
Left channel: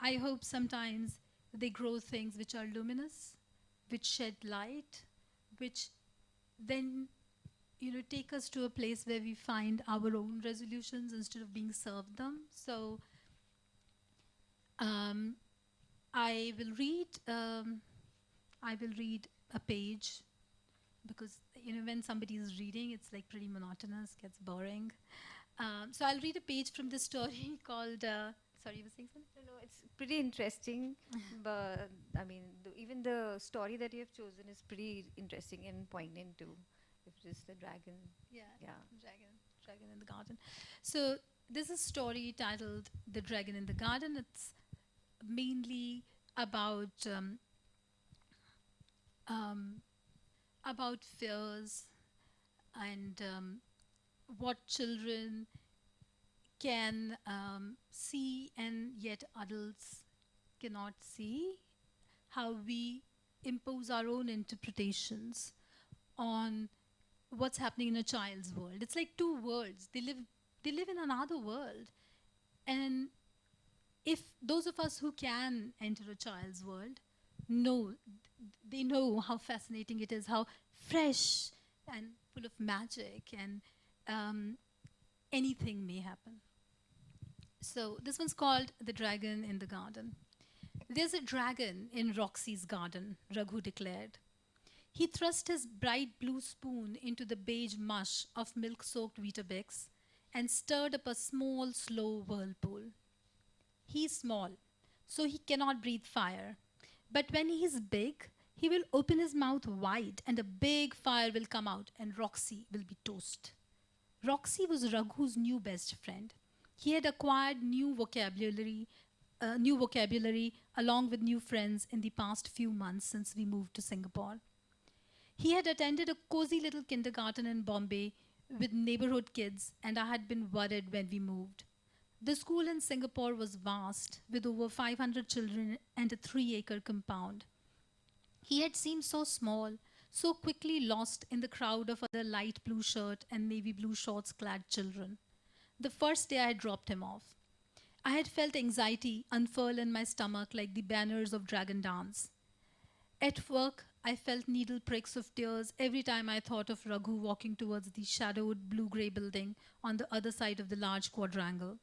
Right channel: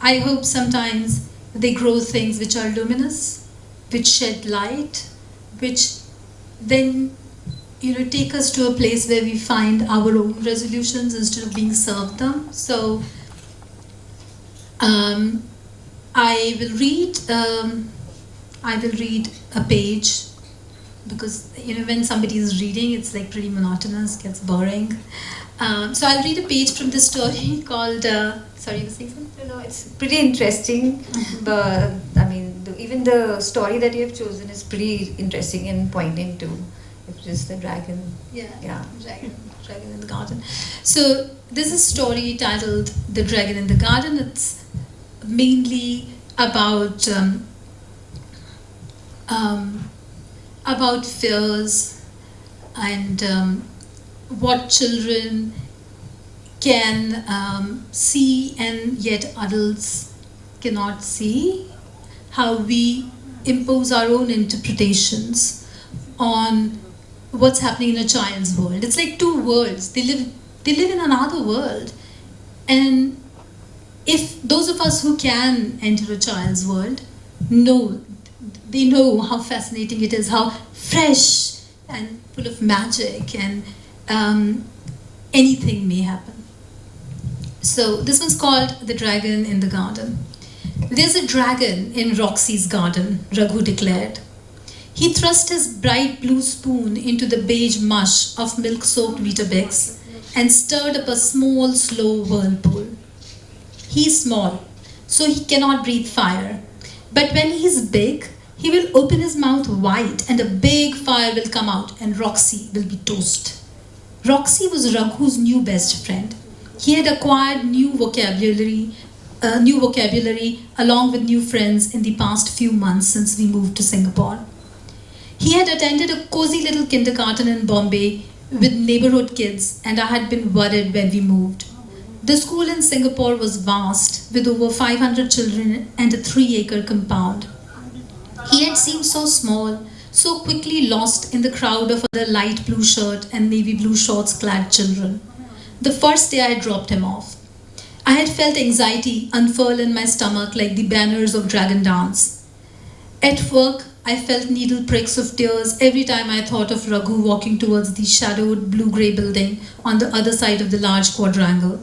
I hope sometimes they grow things which are luminous, which shed light, which then take us to a place where we find our own resolutions instead of being served them. So I will read a page, because when somebody is reading, it's like pretty monotonous, gets boring. So I'll read a page from this story called. Sorry, you were saying something? No, it's pretty interesting. But I mean, even the story that you have chosen is pretty interesting and poignant too. It's just the dragon. Yeah. Dragon in the Garden. So this is a story titled "The Dragon in the Garden." It's mainly about fears and what children can see and yet adults cannot see, how we impose our own interpretations on what's happening in a child's world. It's like two worlds. They live in another world. And if those of us who can enter a child's world know how fascinating it is, how fresh and full of magic, and anything may happen. So this one's called The Dragon in the Garden. There's a dragon in Roxy's garden, Raghu declared. He thrust his bright blue spoon into the beige mush of milk-soaked Weetabix and stirred up a small, slow whirlpool. He's small, so he cannot breathe fire. But when he's big, he will open his mouth wide and a big fire will come out and Roxy will be toast. Roxy was Raghu's new best friend. He had acquired new vocabulary along with new friends in the past few months since we moved to Singapore. He had attended a cozy little kindergarten in Bombay with neighborhood kids, and I had been worried when we moved. The school in Singapore was vast, with over 500 children and a 3-acre compound. He had seemed so small, so quickly lost in the crowd of other light blue shirt and navy blue shorts clad children. The first day I dropped him off, I had felt anxiety unfurl in my stomach like the banners of Dragon Dance. At work, I felt needle pricks of tears every time I thought of Raghu walking towards the shadowed blue-grey building on the other side of the large quadrangle.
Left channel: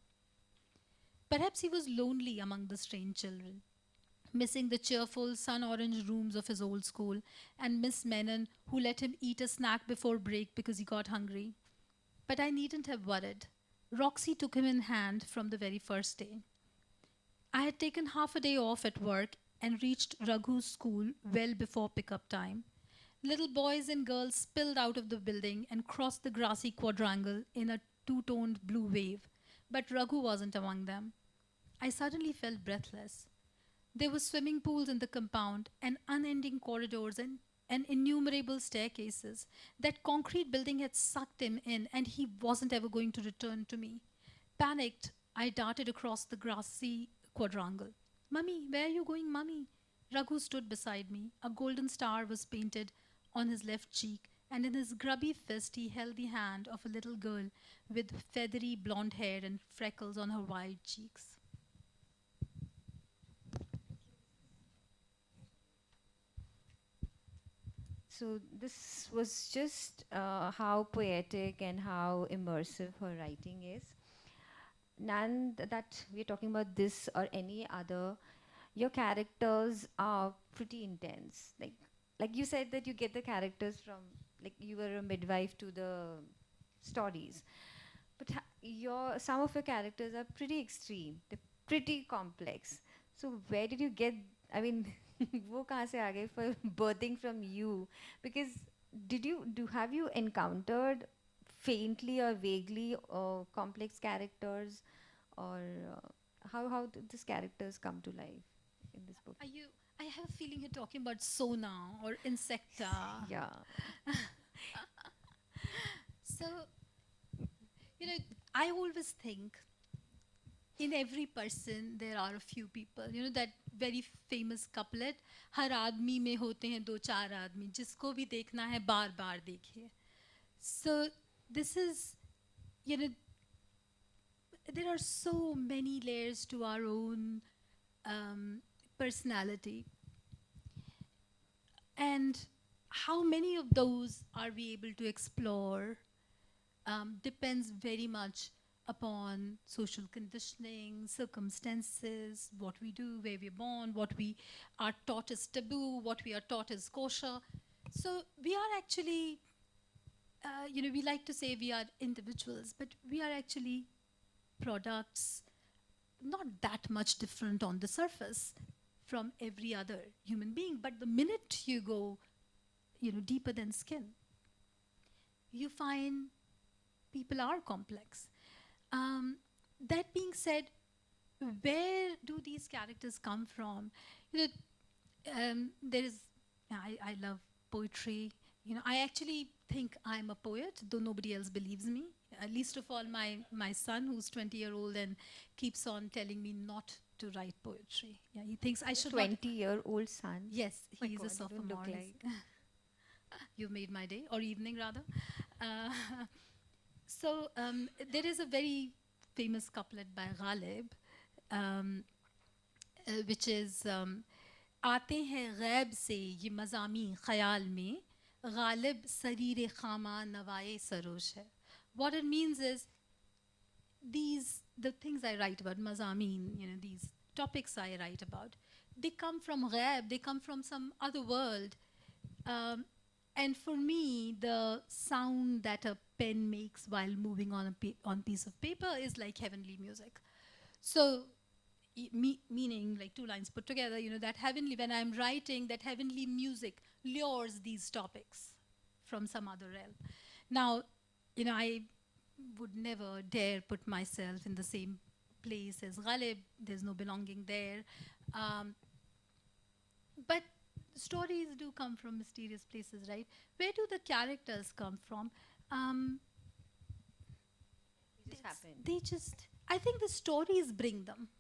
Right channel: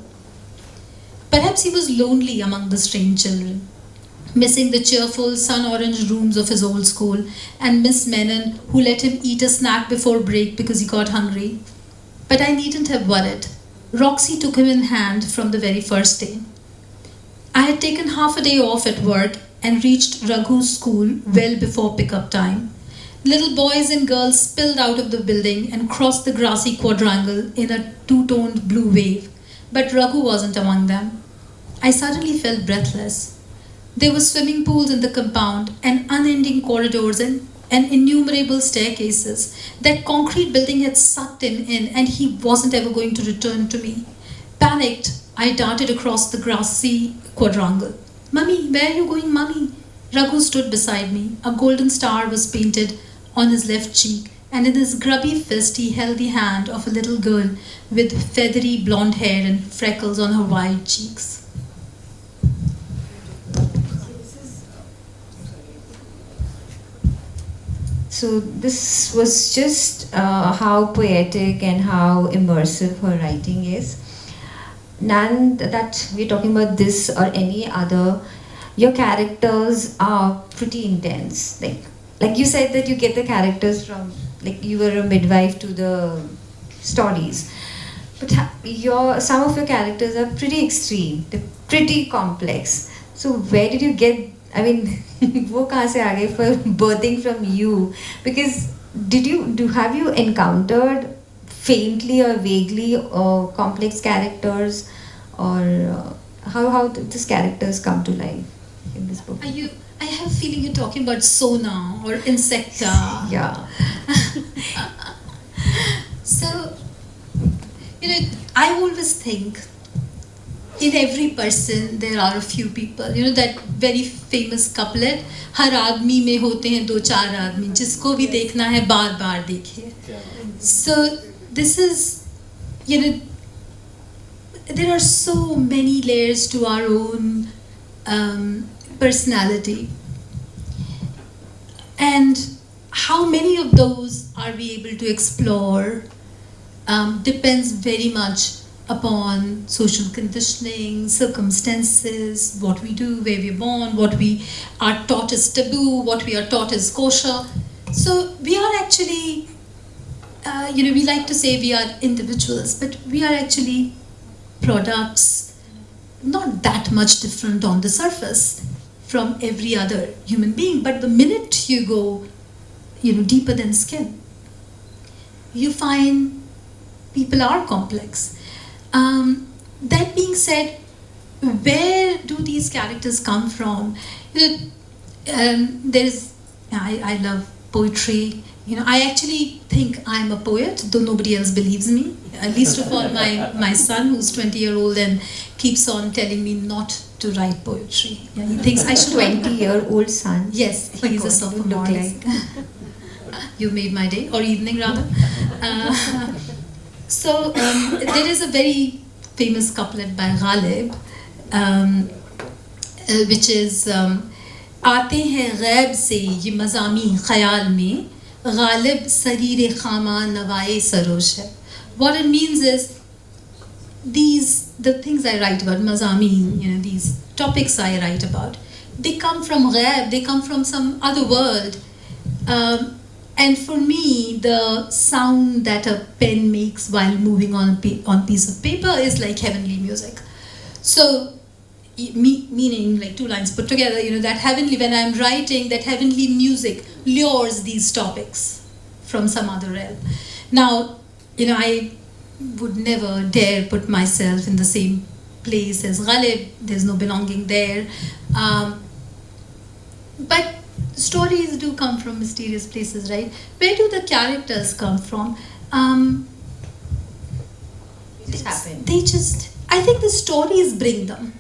Perhaps he was lonely among the strange children, missing the cheerful sun-orange rooms of his old school and Miss Menon who let him eat a snack before break because he got hungry. But I needn't have worried. Roxy took him in hand from the very first day. I had taken half a day off at work and reached Raghu's school well before pickup time. Little boys and girls spilled out of the building and crossed the grassy quadrangle in a two-toned blue wave, but Raghu wasn't among them. I suddenly felt breathless. There were swimming pools in the compound and unending corridors and innumerable staircases. That concrete building had sucked him in and he wasn't ever going to return to me. Panicked, I darted across the grassy quadrangle. "Mummy, where are you going, Mummy?" Raghu stood beside me. A golden star was painted on his left cheek, and in his grubby fist he held the hand of a little girl with feathery blonde hair and freckles on her wide cheeks. So this was just how poetic and how immersive her writing is. None that we're talking about this or any other, your characters are pretty intense. Like you said that you get the characters from, like you were a midwife to the stories. But some of your characters are pretty extreme. They're pretty complex. So where did you get, I mean, वो कहाँ से आ गए for birthing from you? Because have you encountered faintly or vaguely complex characters, or how did these characters come to life in this book? I have a feeling you're talking about Sona or Insecta. Yeah. So, I always think in every person there are a few people. That very famous couplet, हर आदमी में होते हैं 2-4 आदमी, जिसको भी देखना है बार बार देखिए. So this is, there are so many layers to our own personality. And how many of those are we able to explore depends very much upon social conditioning, circumstances, what we do, where we're born, what we are taught is taboo, what we are taught is kosher. So we are actually, we like to say we are individuals, but we are actually products not that much different on the surface from every other human being. But the minute you go, deeper than skin, you find people are complex. That being said, where do these characters come from? I love poetry. I actually think I'm a poet, though nobody else believes me. Least of all my son, who's 20-year-old and keeps on telling me not to write poetry. Yeah, he thinks I should. 20-year-old son? Yes, he's a sophomore. You made my day, or evening rather. So there is a very famous couplet by Ghalib, which is आते हैं गैब से ये मज़ामी ख़याल में गालिब सरीर खामा नवाए सरोश है. What it means is the things I write about, mazameen, these topics I write about, they come from ghaib, they come from some other world. And for me, the sound that a pen makes while moving on a piece of paper is like heavenly music. So, meaning like two lines put together, that heavenly, when I'm writing, that heavenly music lures these topics from some other realm. Now, would never dare put myself in the same place as Ghalib. There's no belonging there. But stories do come from mysterious places, right? Where do the characters come from? They just, I think the stories bring them.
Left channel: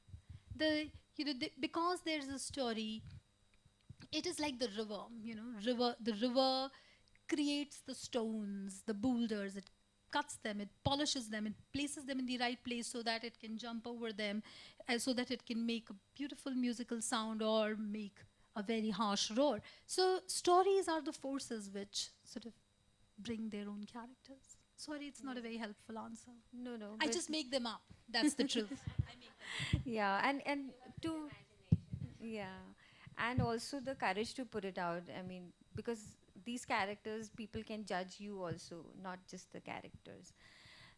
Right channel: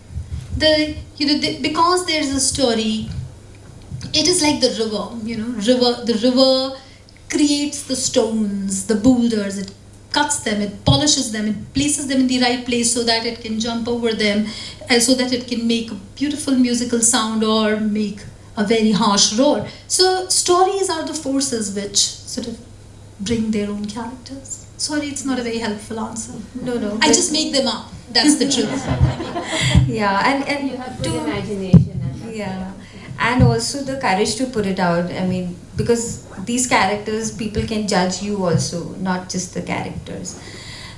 Because there's a story, it is like the river, the river creates the stones, the boulders, it cuts them, it polishes them, it places them in the right place so that it can jump over them, so that it can make a beautiful musical sound or make a very harsh roar. So stories are the forces which sort of bring their own characters. Sorry, it's not a very helpful answer. No. I just make them up. That's the truth. Yeah, and you have good imagination. Yeah, and also the courage to put it out. I mean, because these characters, people can judge you also, not just the characters.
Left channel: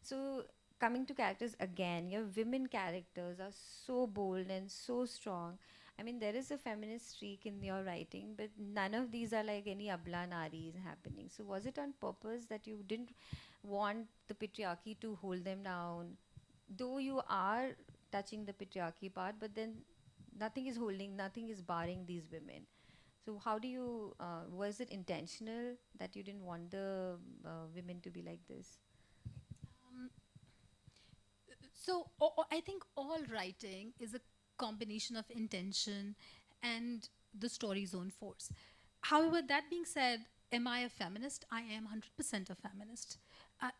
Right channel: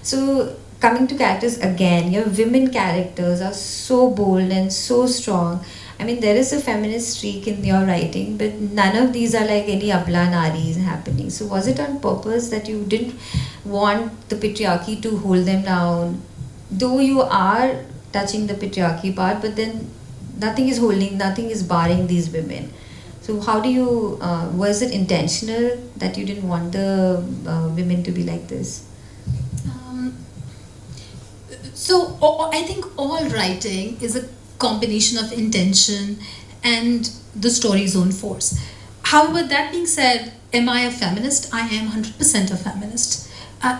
So coming to characters again, your women characters are so bold and so strong. I mean, there is a feminist streak in your writing, but none of these are like any abla naris happening. So was it on purpose that you didn't want the patriarchy to hold them down? Though you are touching the patriarchy part, but then nothing is barring these women. So how do you, was it intentional that you didn't want the women to be like this? I think all writing is a combination of intention and the story's own force. However, that being said, am I a feminist? I am 100% a feminist.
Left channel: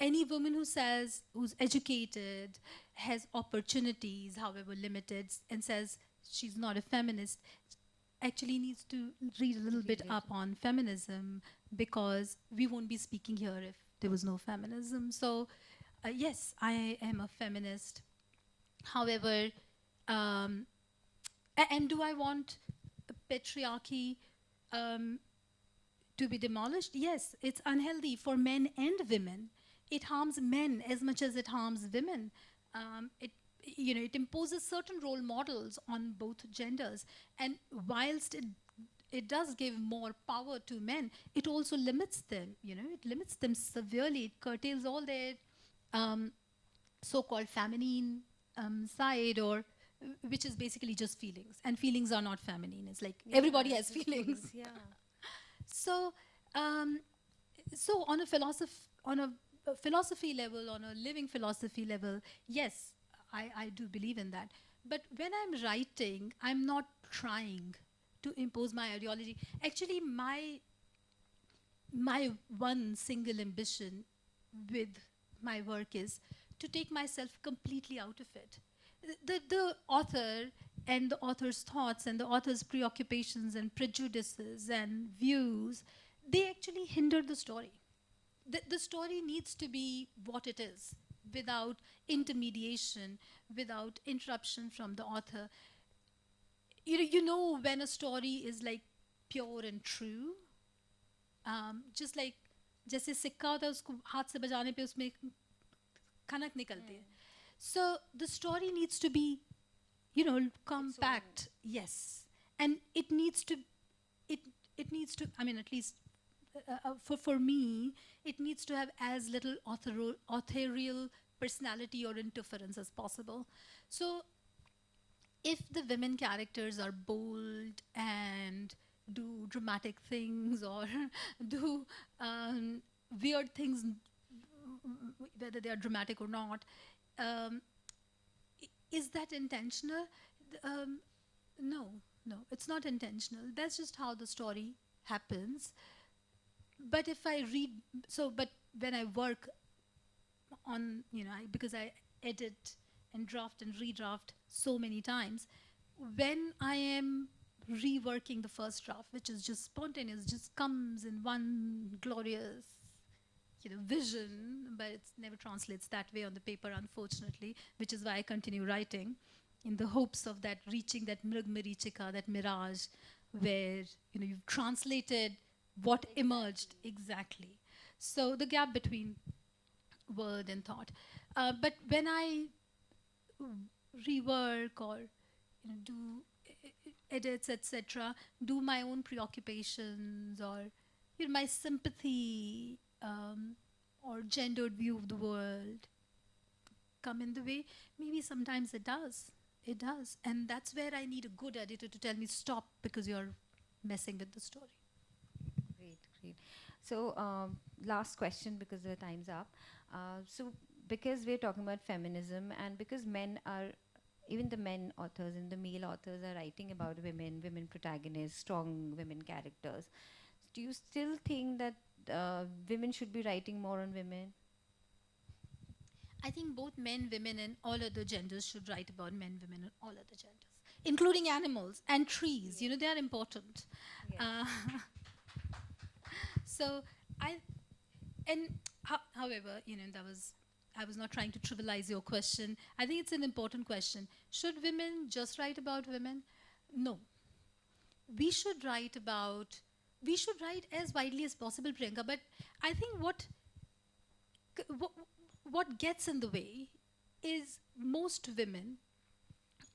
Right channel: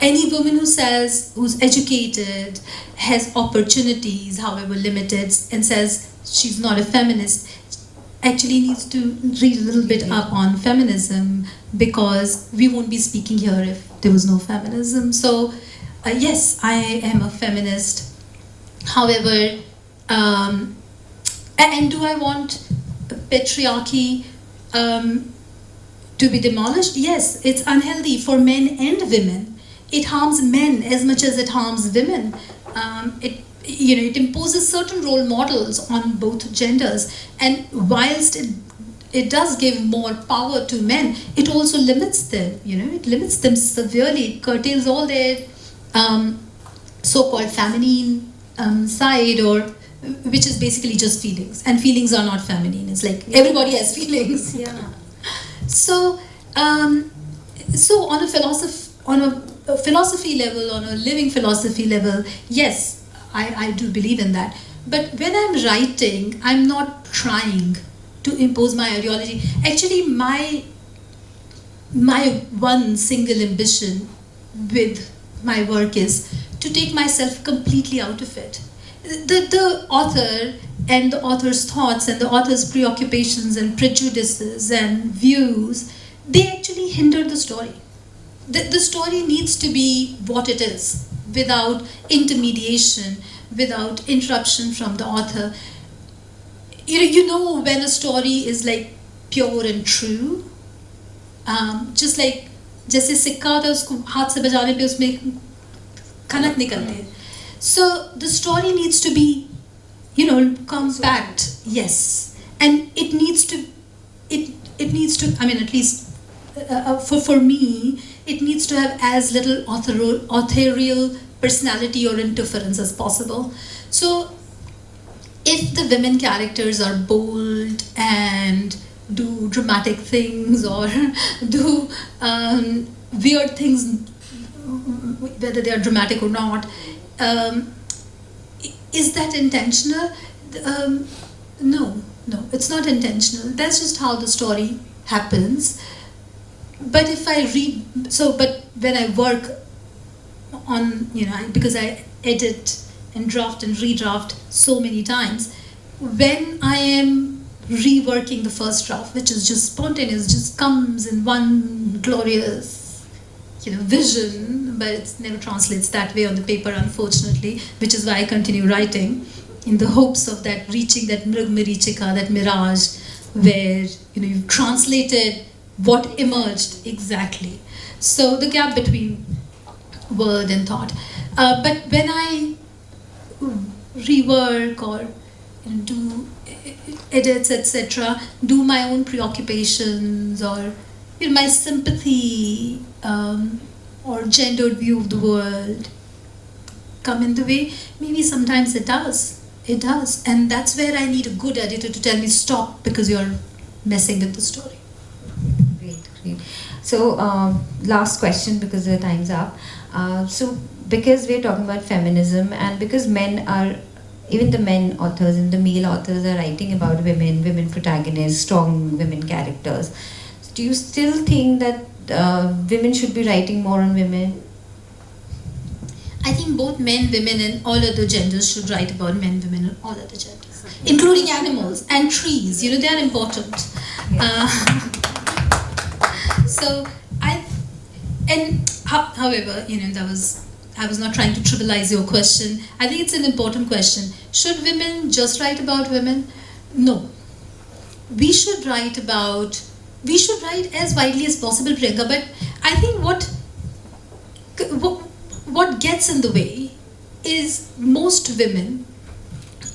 Any woman who says, who's educated, has opportunities, however limited, and says she's not a feminist, actually needs to read a little bit up on feminism, because we won't be speaking here if there was no feminism. So yes, I am a feminist. However, and do I want patriarchy to be demolished? Yes, it's unhealthy for men and women. It harms men as much as it harms women. It imposes certain role models on both genders, and whilst it does give more power to men, it also limits them. It limits them severely. It curtails all their so-called feminine side, or which is basically just feelings, and feelings are not feminine. It's like everybody has feelings. Yeah. So on a philosophy level, on a living philosophy level, yes, I do believe in that. But when I'm writing, I'm not trying to impose my ideology. Actually, my one single ambition with my work is to take myself completely out of it. The author and the author's thoughts and the author's preoccupations and prejudices and views, they actually hinder the story. The story needs to be what it is, without intermediation, without interruption from the author. You know when a story is like pure and true, just like जैसे सिक्का होता है उसको हाथ से बजाने पे उसमें खनक निकलते हैं. So the story needs to be, compact, yes, and it needs to. I mean, at least for me, it needs to have as little authorial personality or interference as possible. So, if the women characters are bold and do dramatic things or do weird things, whether they are dramatic or not, is that intentional? No, it's not intentional. That's just how the story happens. But if I but when I work on, because I edit and draft and redraft so many times, when I am reworking the first draft, which is just spontaneous, just comes in one glorious vision, but it never translates that way on the paper, unfortunately, which is why I continue writing in the hopes of that reaching that mrug marichika, that mirage, where you've translated what emerged exactly. So the gap between word and thought. But when I rework or do edits, etc., do my own preoccupations or my sympathy or gendered view of the world, come in the way? Maybe sometimes it does. It does. And that's where I need a good editor to tell me stop because you're messing with the story. Great, great. So, last question because the time's up. So, because we're talking about feminism and because even the men authors and the male authors are writing about women protagonists, strong women characters. So do you still think that women should be writing more on women? I think both men, women, and all other genders should write about men, women, and all other genders, including animals and trees. You know, they are important. Yeah. However, you know, I was not trying to trivialize your question. I think it's an important question. Should women just write about women? No. We should write as widely as possible, Priyanka, but I think what gets in the way is most women,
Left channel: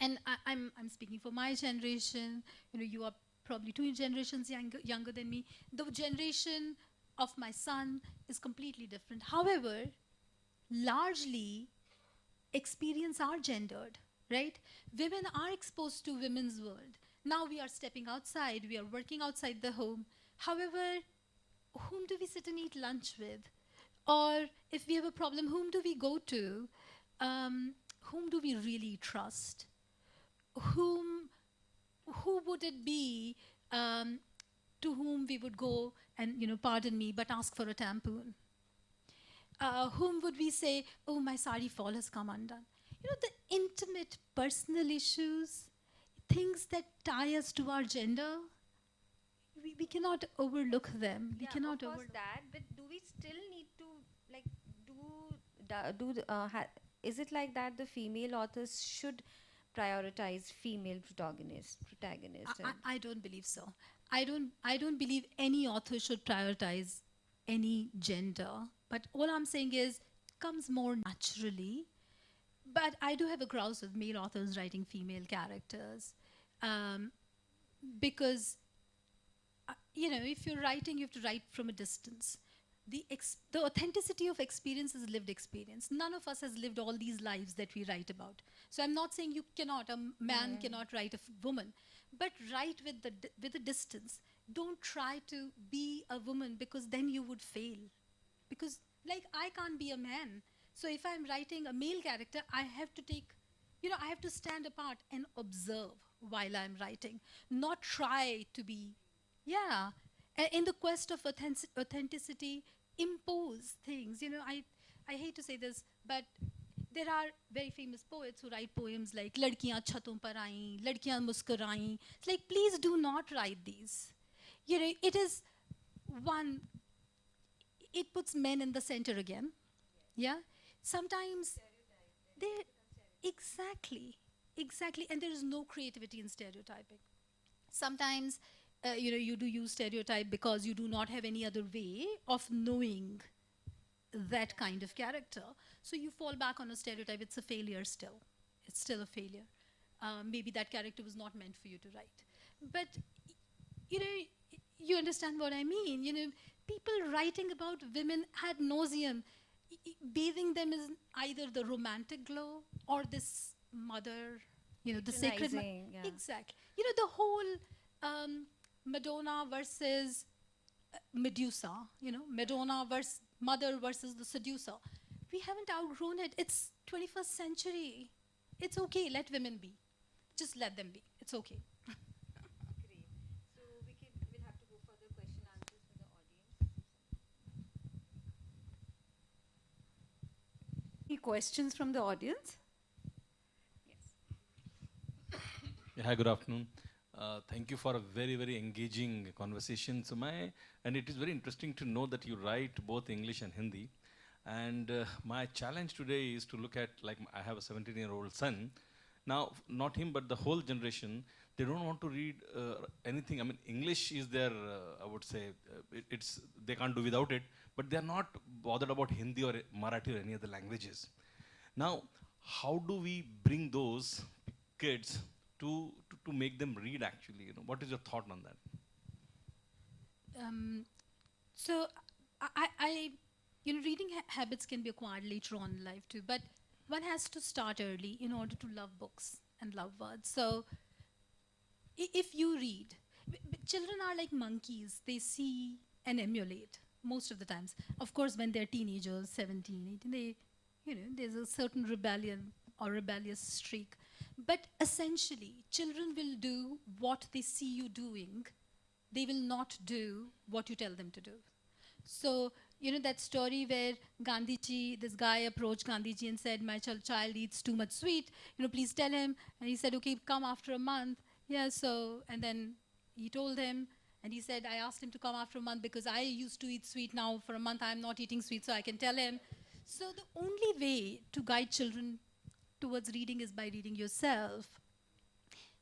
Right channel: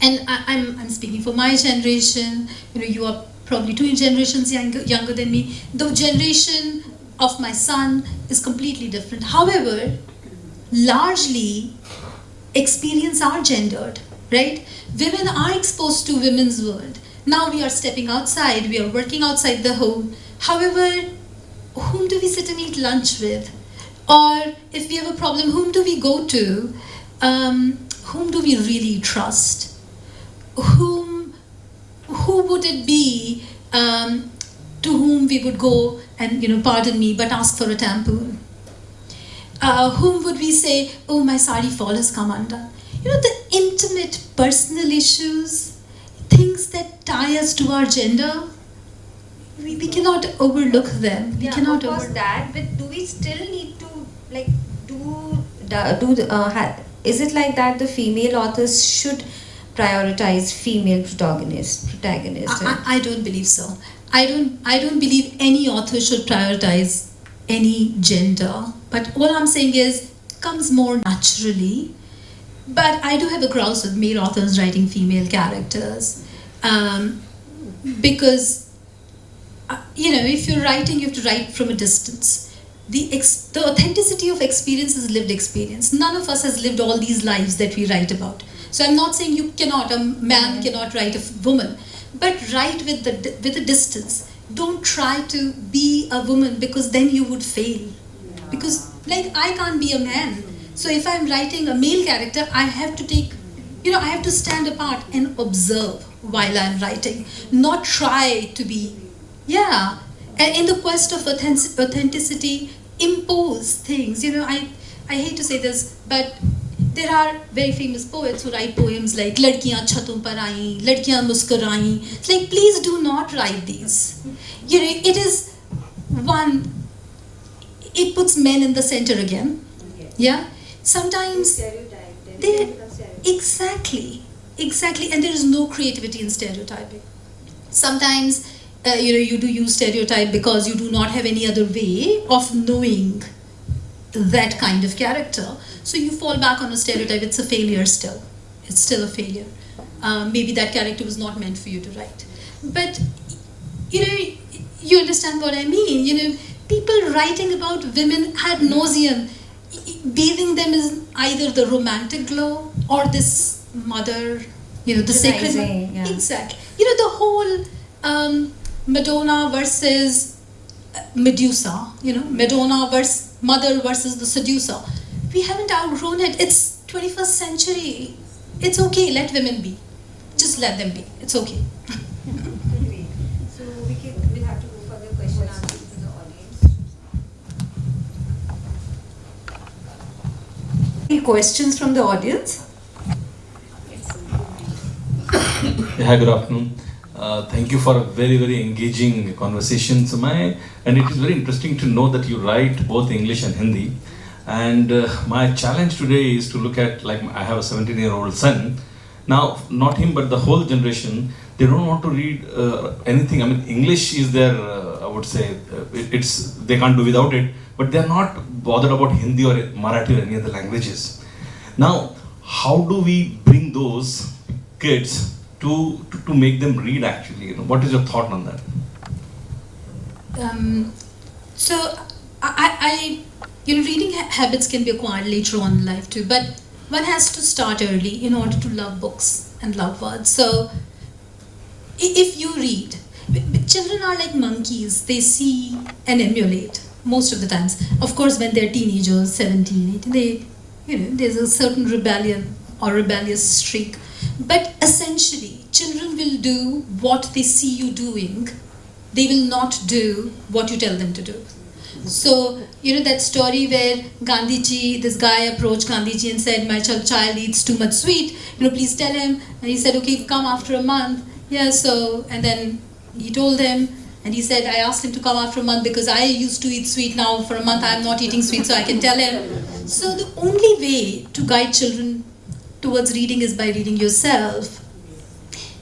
and I'm speaking for my generation, you know, you are probably 2 generations younger than me. The generation of my son is completely different. However, largely experience are gendered, right? Women are exposed to women's world. Now we are stepping outside, we are working outside the home. However, whom do we sit and eat lunch with? Or if we have a problem, whom do we go to? Whom do we really trust? Who would it be to whom we would go and, you know, pardon me, but ask for a tampon? Whom would we say, oh, my sari fall has come undone? You know, the intimate personal issues, things that tie us to our gender, we cannot overlook them. We cannot overlook that, but do we still need to, like, is it like that the female authors should prioritize female protagonists? I don't believe so. I don't believe any author should prioritize any gender. But all I'm saying is, it comes more naturally. But I do have a grouse with male authors writing female characters. Because, you know, if you're writing, you have to write from a distance. The authenticity of experience is lived experience. None of us has lived all these lives that we write about. So I'm not saying a man cannot write a woman, but write with a distance. Don't try to be a woman because then you would fail. Because, like, I can't be a man. So if I'm writing a male character, I have to I have to stand apart and observe while I'm writing, not try to be, and in the quest of authenticity, impose things. You know, I hate to say this, but there are very famous poets who write poems like "Ladkiyan chhaton par aayi, ladkiyan muskurayi." It's like, please do not write these. You know, it is it puts men in the center again. Yeah, sometimes they exactly, and there is no creativity in stereotyping. Sometimes, you do use stereotype because you do not have any other way of knowing that kind of character. So you fall back on a stereotype. It's a failure still. It's still a failure. Maybe that character was not meant for you to write. But, you understand what I mean. People writing about women ad nauseum, bathing them in either the romantic glow or this mother, the sacred. Yeah. Exactly. The whole Madonna versus Medusa, Madonna versus mother versus the seducer. We haven't outgrown it. It's 21st century. It's okay, let women be. Just let them be. It's okay. So we'll have to go for the question answers to the audience. Any questions from the audience? Hi, good afternoon. Thank you for a very, very engaging conversation, Sumay. And it is very interesting to know that you write both English and Hindi. And my challenge today is to look at, like, I have a 17-year-old son. Now, not him, but the whole generation, they don't want to read anything. I mean, English is their, I would say, they can't do without it, but they're not bothered about Hindi or Marathi or any other languages. Now, how do we bring those kids to make them read, actually? What is your thought on that? So, reading habits can be acquired later on in life too, but one has to start early in order to love books and love words. So if you read, children are like monkeys, they see and emulate most of the times. Of course, when they're teenagers, 17, 18, there's a certain rebellion or rebellious streak. But essentially, children will do what they see you doing. They will not do what you tell them to do. So, that story where Gandhiji, this guy approached Gandhiji and said, my child eats too much sweet, please tell him. And he said, okay, come after a month. Yeah, so, and then he told him, and he said, I asked him to come after a month because I used to eat sweet. Now for a month I am not eating sweet, so I can tell him. So the only way to guide children towards reading is by reading yourself.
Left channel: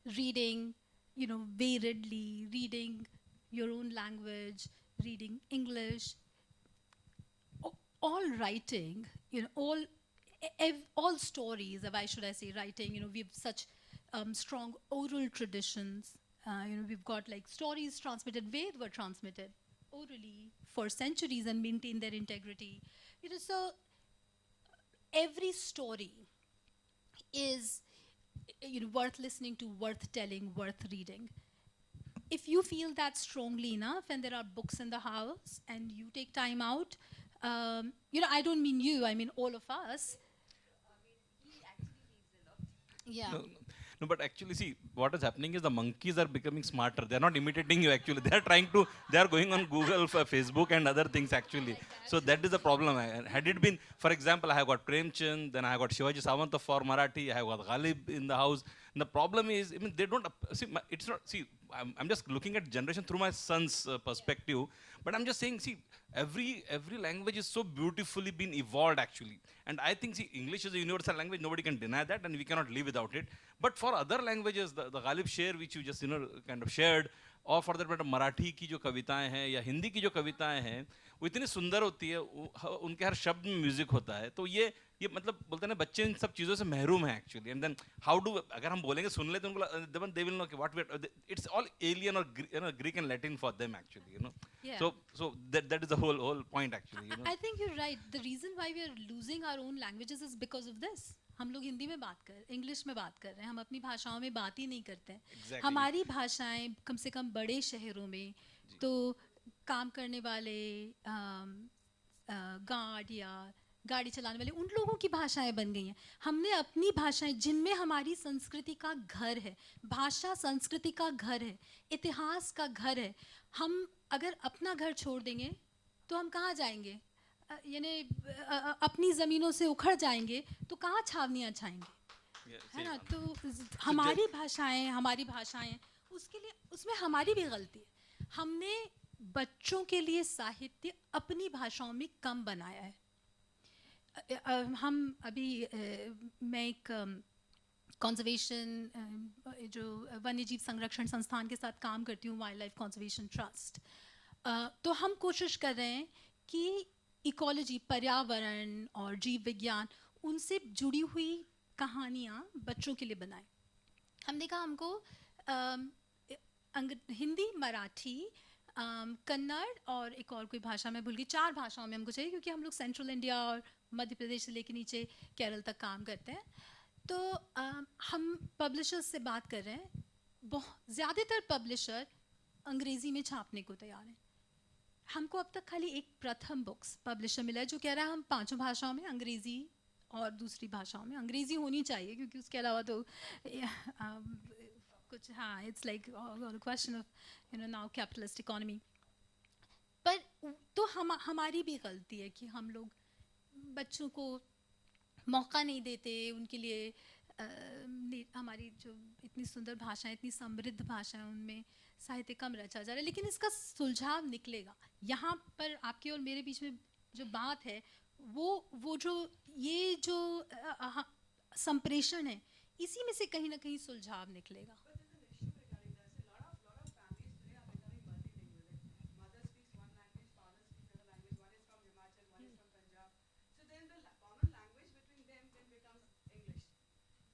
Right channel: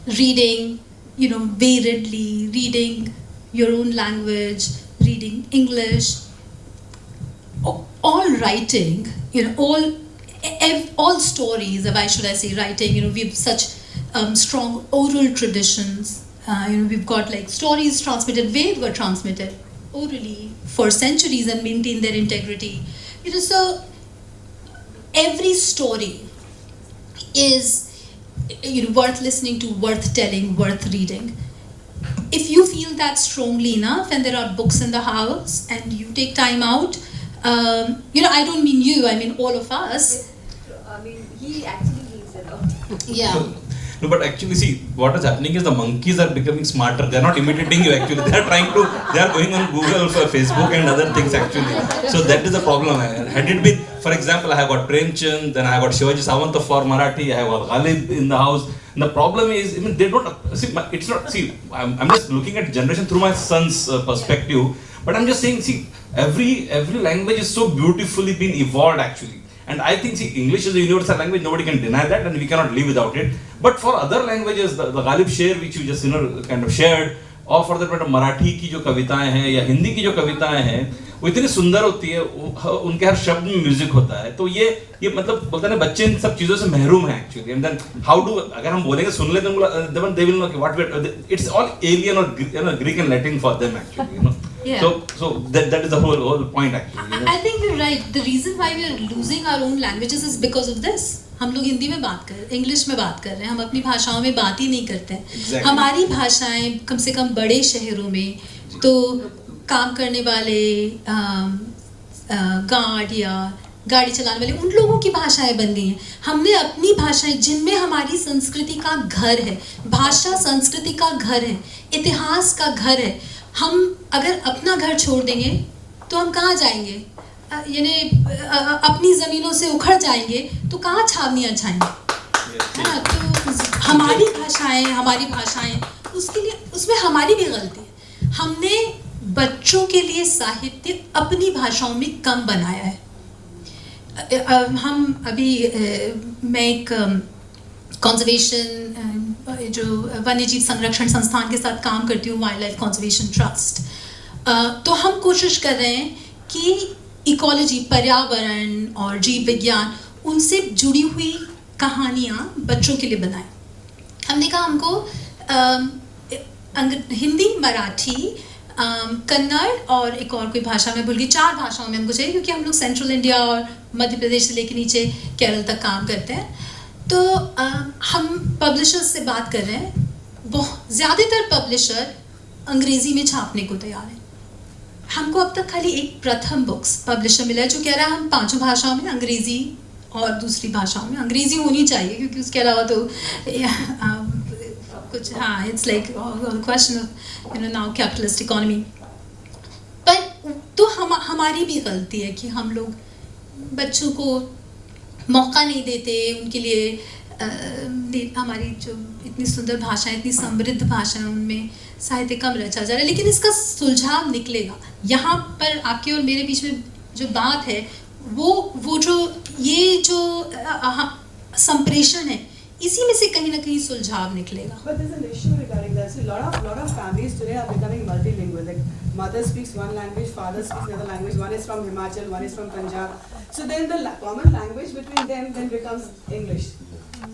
Reading, variedly, reading your own language, reading English, all writing, all stories, why should I say writing, we have such strong oral traditions. We've got like stories transmitted, Ved were transmitted orally for centuries and maintain their integrity. So every story is worth listening to, worth telling, worth reading. If you feel that strongly enough and there are books in the house and you take time out, I don't mean you, I mean all of us. I mean, he actually means it all. Yeah. No, but actually, see, what is happening is the monkeys are becoming smarter. They are not imitating you actually. They are going on Google, Facebook and other things actually. So that is the problem. Had it been, for example, I have got Premchand, then I have got Shivaji Sawant for Marathi, I have got Ghalib in the house. And the problem is, they don't, see, it's not, see, I'm just looking at generation through my son's perspective. But I'm just saying, see, every language is so beautifully been evolved actually. And I think, see, English is a universal language, nobody can deny that, and we cannot live without it. But for other languages, the Ghalib Sher, which you just, kind of shared, और for that matter Marathi की जो कविताएं हैं या हिंदी की जो कविताएं हैं वो इतनी सुंदर होती है, उनके हर शब्द में म्यूजिक होता है. तो ये मतलब बोलते हैं ना, बच्चे इन सब चीजों से महरूम हैं actually. And then how do, अगर हम बोलेंगे सुन लेते हैं, they will know what it's all alien और Greek and Latin for them actually, Yeah. So that is the whole point actually. I think you're right. The reason why we are losing our own languages is because of this. हम लोग हिंदी में बात कर रहे हैं, English में बात कर रहे हैं, हम अपनी भाषाओं में बात ही नहीं करते हैं. Exactly. हमारी भाषाएं कम से कम बड़े शहरों में तो काम करने वाले गार्ड या गाड़ी चलाने वाले उन लोगों की भाषाएं बन गई हैं. हमने अपनी भाषाएं जिनमें हमारी संस्कृति का घर है, भाषा संस्कृति का घर है, इतिहास का घर है, हम अगर अपना घर छोड़ देंगे तो हम कहाँ जाएंगे? यानी अपनी ज़मीनों से उखड़ जाएंगे तो कहाँ छावनियाँ छाएंगे? तो हमारी भाषाएं उसके लिए उसमें हमारी भी गलती है. हमने बच्चों के लिए साहित्य अपनी भाषाओं में कम बनाया है. हम अभी मैं एक कंजर्वेशन जो वन्यजीव संरक्षण संस्थान के साथ काम करती हूँ, वाइल्ड लाइफ कंजर्वेशन ट्रस्ट. तो हम कोशिश कर रहे हैं कि इकोलॉजी, पर्यावरण और जीव विज्ञान, उनसे जुड़ी हुई कहानियाँ बच्चों के लिए बनाएं. हमने कहा हमको हिंदी, मराठी, कन्नड़ और एक और कोई भाषा में भूल गई, 4 भाषाओं में हमको चाहिए, क्योंकि हम लोग सेंट्रल इंडिया और मध्य प्रदेश से लेकर नीचे केरल तक काम करते हैं. तो हम पब्लिशर्स से बात कर रहे हैं. बहुत ज़्यादातर पब्लिशर अंग्रेज़ी में छापने को तैयार हैं. हमको अब तक खाली एक प्रथम बुक्स पब्लिशर मिला है जो कह रहा है हम 5 भाषाओं में, अंग्रेज़ी और दूसरी भाषाओं में. अंग्रेज़ी होनी चाहिए क्योंकि उसके अलावा तो कुछ, हाँ, it's like question of now capitalist economy. पर तो हमारी भी गलती है कि हम लोग बच्चों को मौका नहीं देते. उनके लिए हमारी जो इतनी सुंदर भाषा, इतनी समृद्ध भाषा, उनमें साहित्य कम रचा जा रहा है. लेकिन इसका सुलझाव निकलेगा. यहाँ पर आपके और मेरे बीच में जो बात है वो जो ये जो संप्रेषण है, इसी में से कहीं ना कहीं सुलझाव निकलेगा. But there's an issue regarding that. So lot of families today are becoming multilingual. Like mother speaks one language, father speaks another language. One is from Himachal, one is from Punjab. So then the common language between them then becomes English.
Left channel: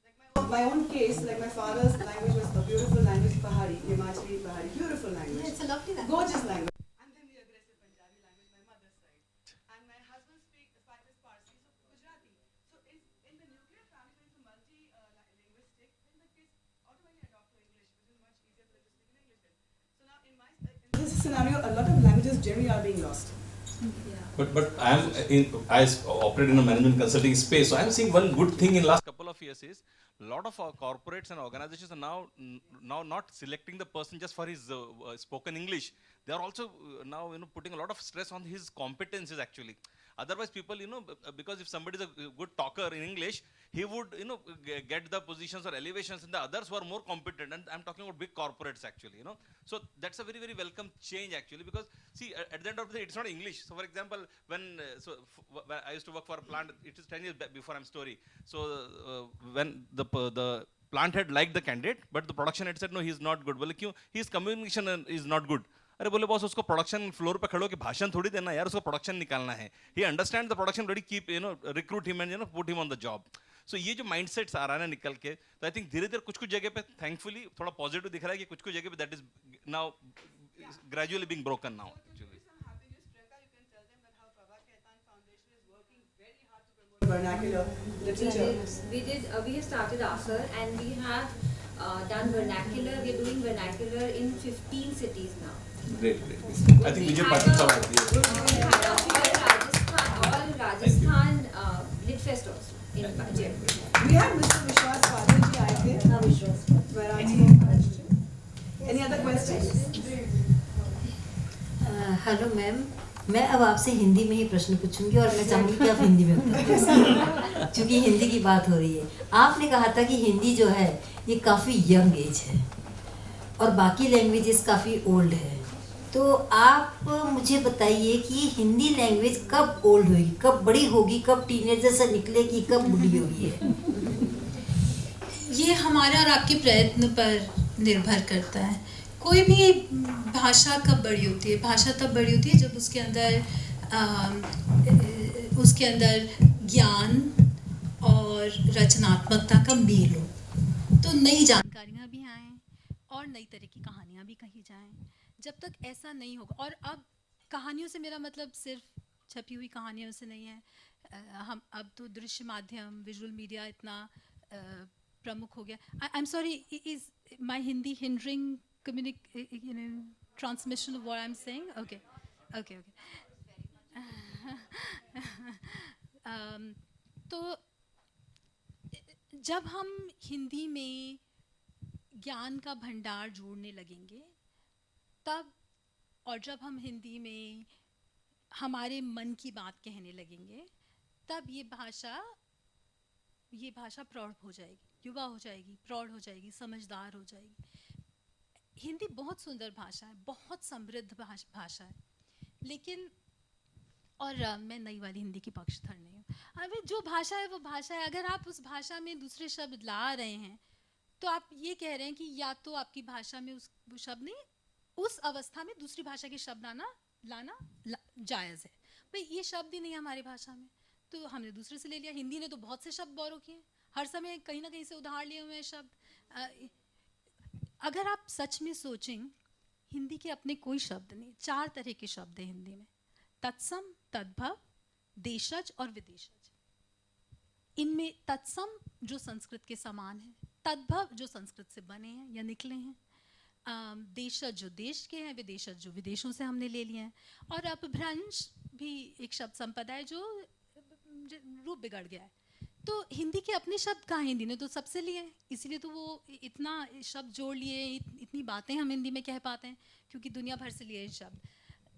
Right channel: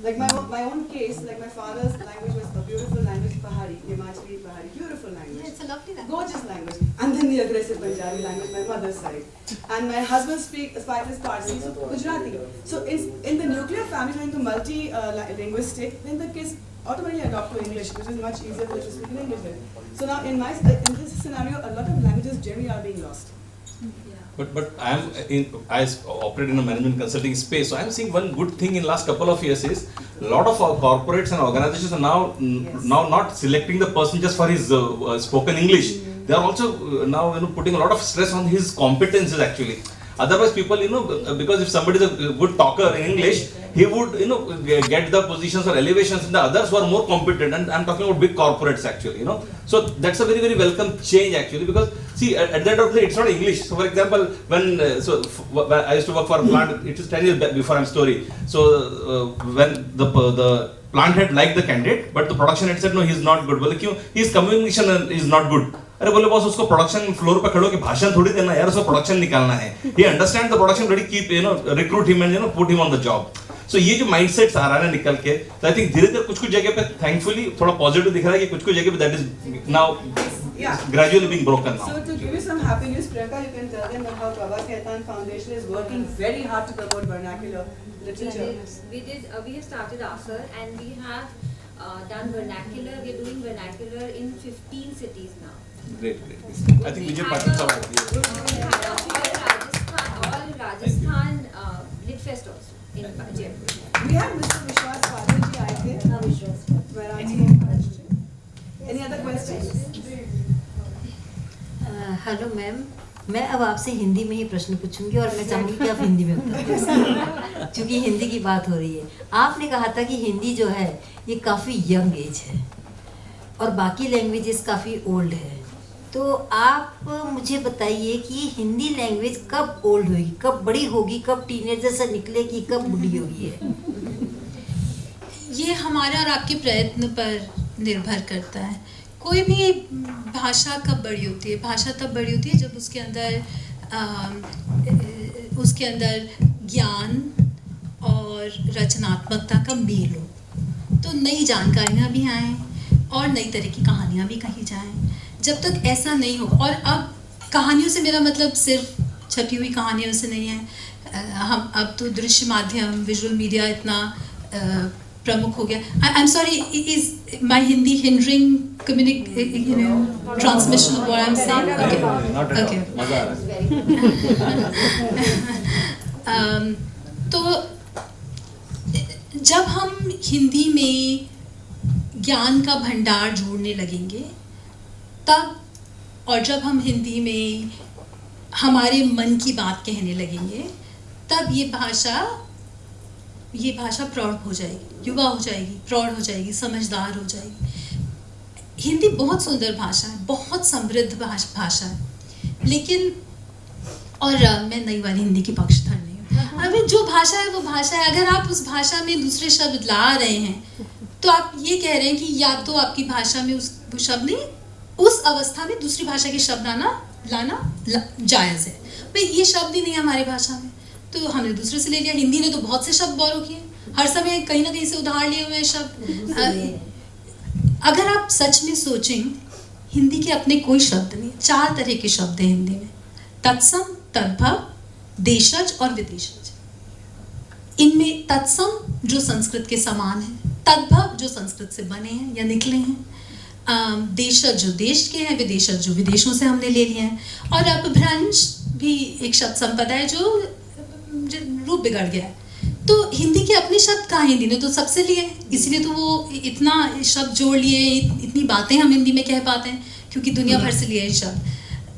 Like my own case, like my father's language was a beautiful language, Pahari, Himachali Pahari, beautiful language. Yeah, it's a lovely language. Gorgeous language. And then the aggressive Punjabi language, my mother's side. And my husband speaks Parsi, so Gujarati. So in the nuclear family, when the multi-linguistic, then the kids automatically adopt to English, which is much easier to speak in English with. So now in this scenario, a lot of languages generally are being lost. But I operate in a management consulting space, so I am seeing one good thing in last couple of years is a lot of our corporates and organizations are now not selecting the person just for his spoken English. They are also now putting a lot of stress on his competences actually. Otherwise, people, because if somebody is a good talker in English, he would, get the positions or elevations in the others who are more competent. And I'm talking about big corporates actually, So that's a very, very welcome change actually, because see, at the end of the day, it's not English. So for example, when I used to work for a plant, it is 10 years before I'm story. So when the plant had liked the candidate, but the production had said, no, he's not good. Well, his communication is not good. अरे बोले boss उसको production floor पे खड़ो के भाषण थोड़ी देना यार, उसको प्रोडक्शन निकालना है. He understand the production, but keep recruit him and put him on the job. So ये जो माइंडसेट्स आ रहा है निकल के, तो I think धीरे-धीरे कुछ जगह पे thankfully थोड़ा पॉजिटिव दिख रहा है कि कुछ जगह पे that is now gradually being broken now. So to give you some happy news, Priyanka, you can tell them how Prabha Khaitan Foundation is working very hard to promote vernacular literature. Yes, we have started ASR and we have done vernacular. We are doing vernacular in 15 cities now. Great. I think Vijay Patil sir. We had all Rajasthan Lit Fest also in Jaipur. We have Mr. Vishwas Padil ji आए थे. Marathi. Any other questions? Hello ma'am, मैं अब आपसे हिंदी में ही प्रश्न पूछूंगी और मैं चाहूँगी कि आप हिंदी में उत्तर दें, क्योंकि हिंदी की बात हो रही है. आपने कहा था कि हिंदी जो है ये काफ़ी यंग एज है और बाकी लैंग्वेजेस काफ़ी ओल्ड है. तो आप मुझे बताइए कि हिंदी लैंग्वेज कब ओल्ड होगी, कब बड़ी होगी, कब टीनेजर से निकलेगी, कब बूढ़ी होगी है? ये हमारे और आपके प्रयत्न पर निर्भर करता है. कोई भी भाषा कब बड़ी होती है? भाषा तब बड़ी होती है जब उसके अंदर ज्ञान और रचनात्मकता का मेल हो, तो नई जानकारियाँ भी आएँ और नई तरह की कहानियाँ भी कही जाएँ. जब तक ऐसा नहीं हो, और अब कहानियों से मेरा मतलब सिर्फ छपी हुई कहानियों से नहीं है. हम अब तो दृश्य माध्यम, विजुअल मीडिया इतना प्रमुख हो गया. I am sorry, is my Hindi hindering transmission of what I am saying? Okay. तो जब हम हिंदी में ज्ञान का भंडार जोड़ने लगेंगे तब, और जब हम हिंदी में हमारे मन की बात कहने लगेंगे तब ये भाषा प्रौढ़ हो जाएगी, युवा हो जाएगी, प्रौढ़ हो जाएगी, समझदार हो जाएगी. हिंदी बहुत सुंदर भाषा है, बहुत समृद्ध भाषा है, लेकिन और मैं नई वाली हिंदी की पक्षधर नहीं हूँ. अभी जो भाषा है वो भाषा है. अगर आप उस भाषा में दूसरे शब्द ला रहे हैं तो आप ये कह रहे हैं कि या तो आपकी भाषा में उस शब्द नहीं, उस अवस्था में दूसरी भाषा के शब्द लाना जायज़ है. भाई ये शब्द ही नहीं है हमारी भाषा में, तो हमने दूसरे से ले लिया. हिंदी ने तो बहुत से शब्द बोरो किए, हर समय कहीं ना कहीं से उधार लिए हुए शब्द. अगर आप सच में सोचें, हिंदी के अपने कोई शब्द नहीं, 4 तरह के शब्द हैं हिंदी में: तत्सम, तद्भव, देशज और विदेशज. इनमें तत्सम जो संस्कृत के समान है, तद्भव जो संस्कृत से बने हैं या निकले हैं, देशज जो देश के हैं, विदेशज जो विदेशों से हमने ले लिए हैं, और अपभ्रंश भी एक शब्द संपदा है जो रूप बिगड़ गया है. तो हिंदी के अपने शब्द कहाँ? हिंदी ने तो सबसे लिए, इसलिए तो वो इतना शब्द जोड़ लिए, इतनी बातें हम हिंदी में कह पाते हैं क्योंकि दुनिया भर से लिए हैं शब्द.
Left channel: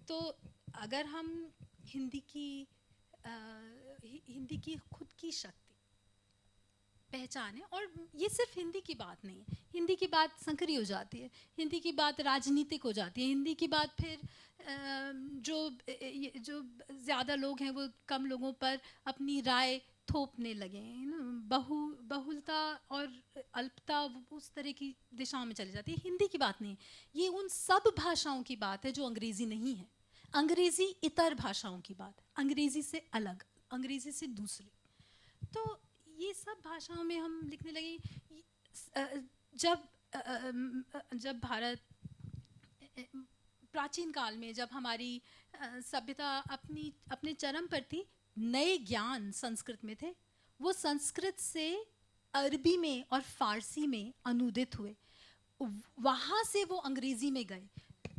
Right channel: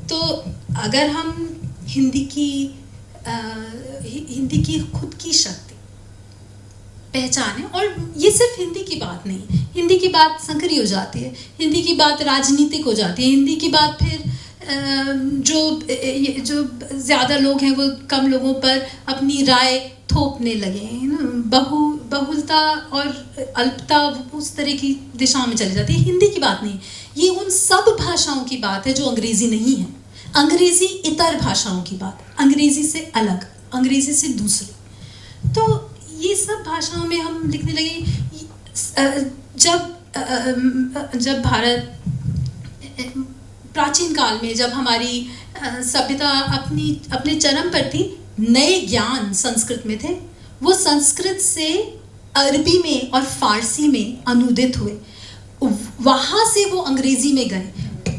तो अगर हम हिंदी की खुद की शक्ति पहचाने, और ये सिर्फ हिंदी की बात नहीं, हिंदी की बात संकरी हो जाती है, हिंदी की बात राजनीतिक हो जाती है, हिंदी की बात फिर जो ज़्यादा लोग हैं वो कम लोगों पर अपनी राय थोपने लगे हैं ना, बहुलता और अल्पता उस तरह की दिशा में चली जाती है. हिंदी की बात नहीं, ये उन सब भाषाओं की बात है जो अंग्रेज़ी नहीं है. अंग्रेज़ी इतर भाषाओं की बात, अंग्रेज़ी से अलग, अंग्रेज़ी से दूसरी. तो ये सब भाषाओं में हम लिखने लगे. जब भारत प्राचीन काल में जब हमारी सभ्यता अपने चरम पर थी, नए ज्ञान संस्कृत में थे, वो संस्कृत से अरबी में और फारसी में अनुदित हुए, वहाँ से वो अंग्रेजी में गए।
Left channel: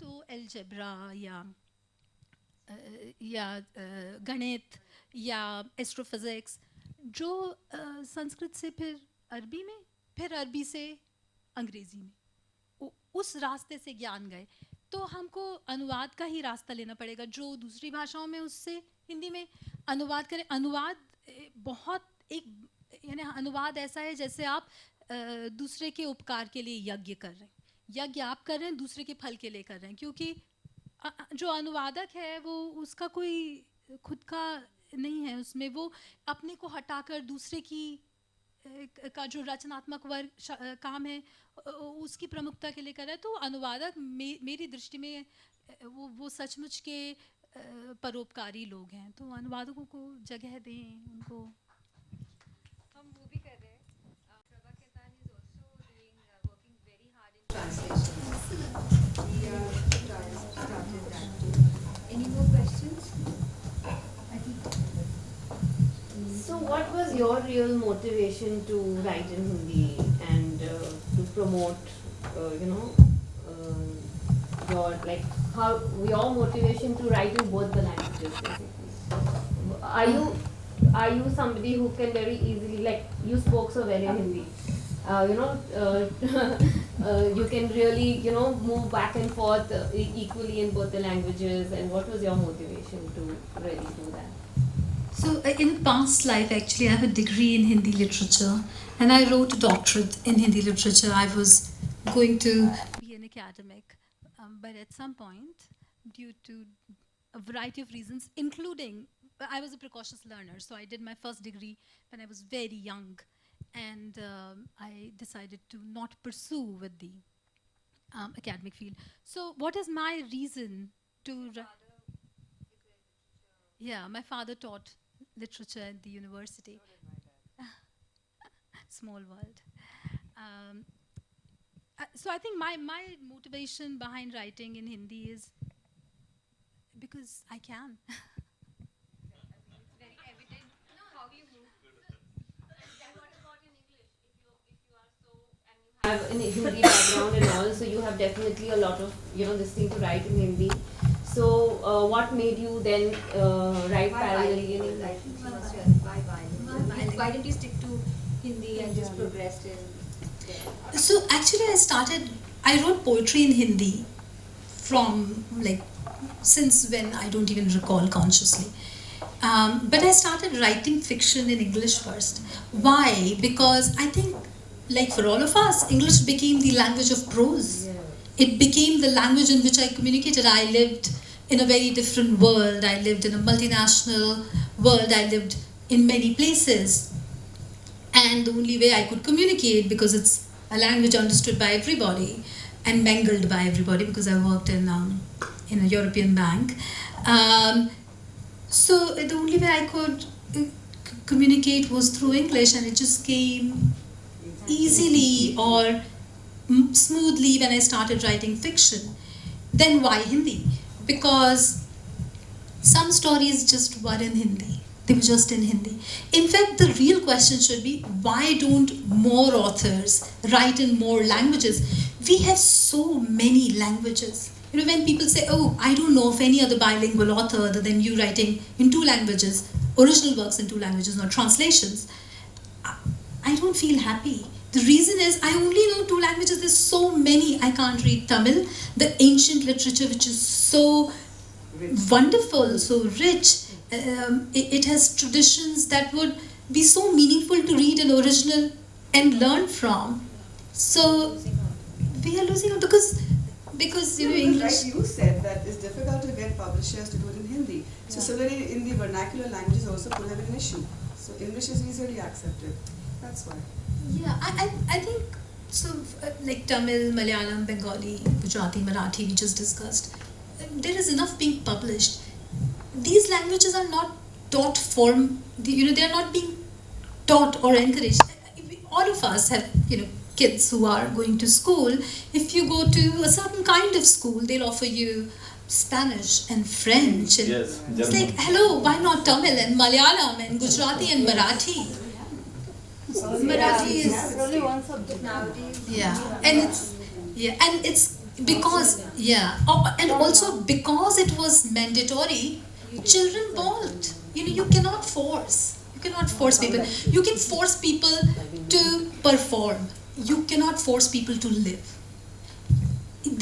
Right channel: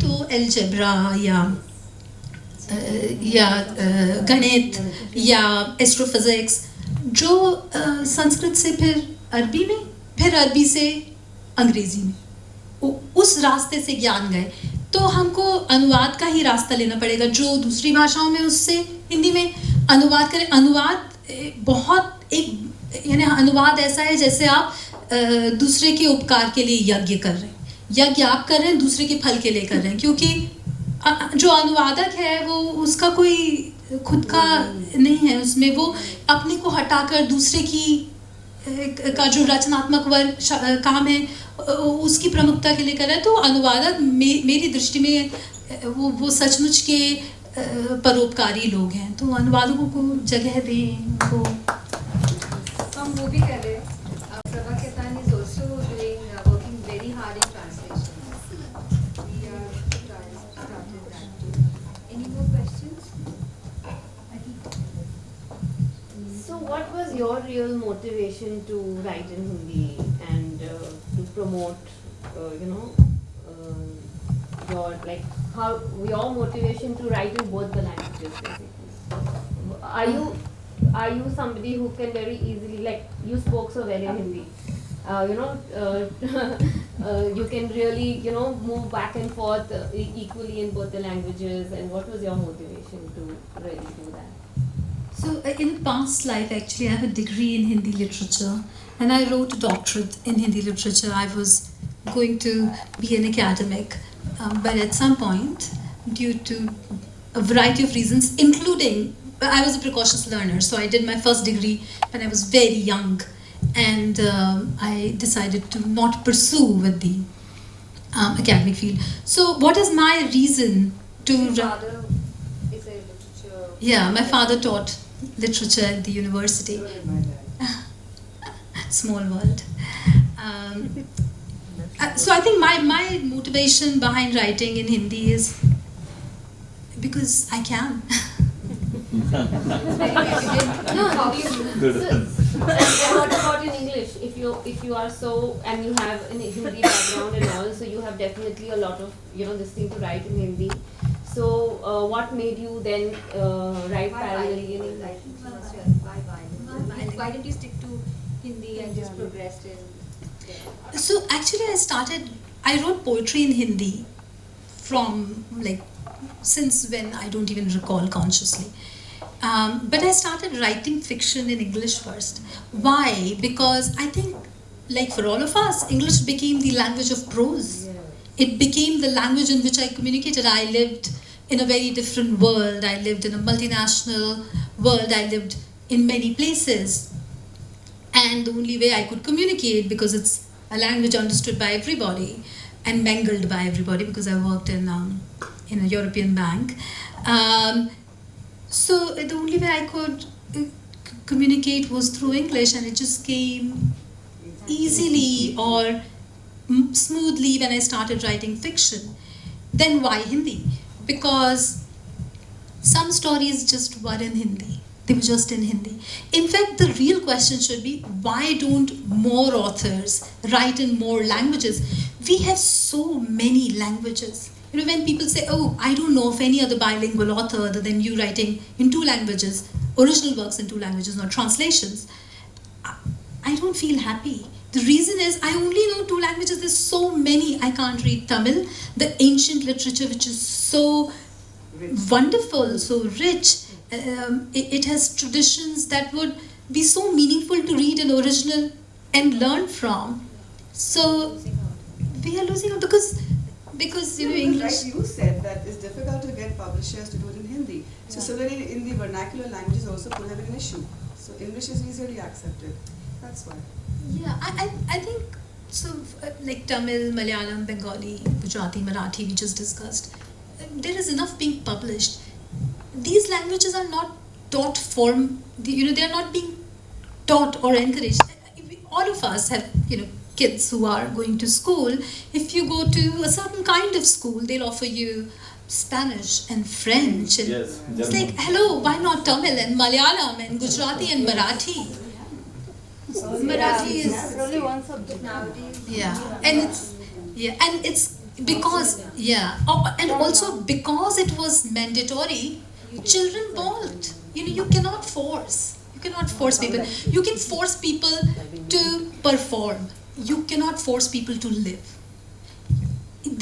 तो अलजेब्रा या गणित या एस्ट्रोफिजिक्स जो संस्कृत से फिर अरबी में, फिर अरबी से अंग्रेजी में, उस रास्ते से ज्ञान गए। तो हमको अनुवाद का ही रास्ता लेना पड़ेगा, जो दूसरी भाषाओं में उससे हिंदी में अनुवाद करें। अनुवाद बहुत एक यानी अनुवाद ऐसा है जैसे आप दूसरे के उपकार के लिए यज्ञ कर रहे हैं, यज्ञ आप कर रहे हैं दूसरे के फल के लिए कर रहे हैं, क्योंकि जो अनुवादक है वो उसका कोई खुद का नहीं है, उसमें वो अपने को हटाकर दूसरे की का जो रचनात्मक वर्ग काम है उसकी प्रमुखता के लिए कर रहा है। तो अनुवादक मेरी दृष्टि में वो सचमुच के परोपकारी लोग हैं, तो अनुवादकों को जगह दें उनको। हम वो भी कर रहे हैं। Prabha Ketan is also working very hard in translation. We are started that too. Any more questions? So what was your real motivation to write in Hindi and to promote, your motivation to write in both the languages basically? Are you somebody who can very easily, like you spoke so well in Hindi, you can really, move back and forth equally in both the languages, and what was your motivation to really do that? So in a past life, actually, I have a degree in Hindi literature, and I wrote a doctorate in Hindi literature. I was going to be an academic, but at some point, due to a variety of reasons, including I was a precocious learner, so I did my first degree when I was very young, and I decided to not pursue with the academic field. So what is my reason to... Your father is a literature... Yeah, my father taught literature at the university. Small world. So I think my motivation behind writing in Hindi is because I can. What about in English? If you are so, and you have an Hindi background and all, so you have definitely a lot of this thing to write in Hindi. So what made you then write parallelly in English? Why didn't you stick to Hindi and just progressed in there? So actually I wrote poetry in Hindi from since when I don't even recall consciously. But I started writing fiction in English first. Why? Because I think, like for all of us, English became the language of prose. It became the language in which I communicated. I lived in a very different world. I lived in a multinational world. I lived in many places. And the only way I could communicate, because it's a language understood by everybody and mangled by everybody, because I worked in a European bank. So the only way I could communicate was through English, and it just came easily or smoothly when I started writing fiction. Then why Hindi? Because some stories just were in Hindi. They were just in Hindi. In fact, the real question should be, why don't more authors write in more languages? We have so many languages. When people say, oh, I don't know of any other bilingual author other than you writing in 2 languages, original works in 2 languages, not translations, I don't feel happy. The reason is I only know 2 languages. There's so many. I can't read Tamil, the ancient literature, which is so wonderful, so rich. It has traditions that would be so meaningful to read in original and learn from. So we are losing out because English. Like you said, that it's difficult to get publishers to do it in Hindi. So similarly, in the vernacular languages also could have been an issue. So English is easily accepted. That's why. Yeah, I think so. Like Tamil, Malayalam, Bengali, Gujarati, Marathi, we just discussed. There is enough being published. These languages are not taught they are not being taught or encouraged. All of us have kids who are going to school, if you go to a certain kind of school, they'll offer you Spanish and French. And Yes, it's German. like, hello, why not Tamil and Malayalam and Gujarati and Marathi? Marathi is only one subject nowadays. and it's because and also because it was mandatory, children bawled. You cannot force. You cannot force people. You can force people to perform. You cannot force people to live.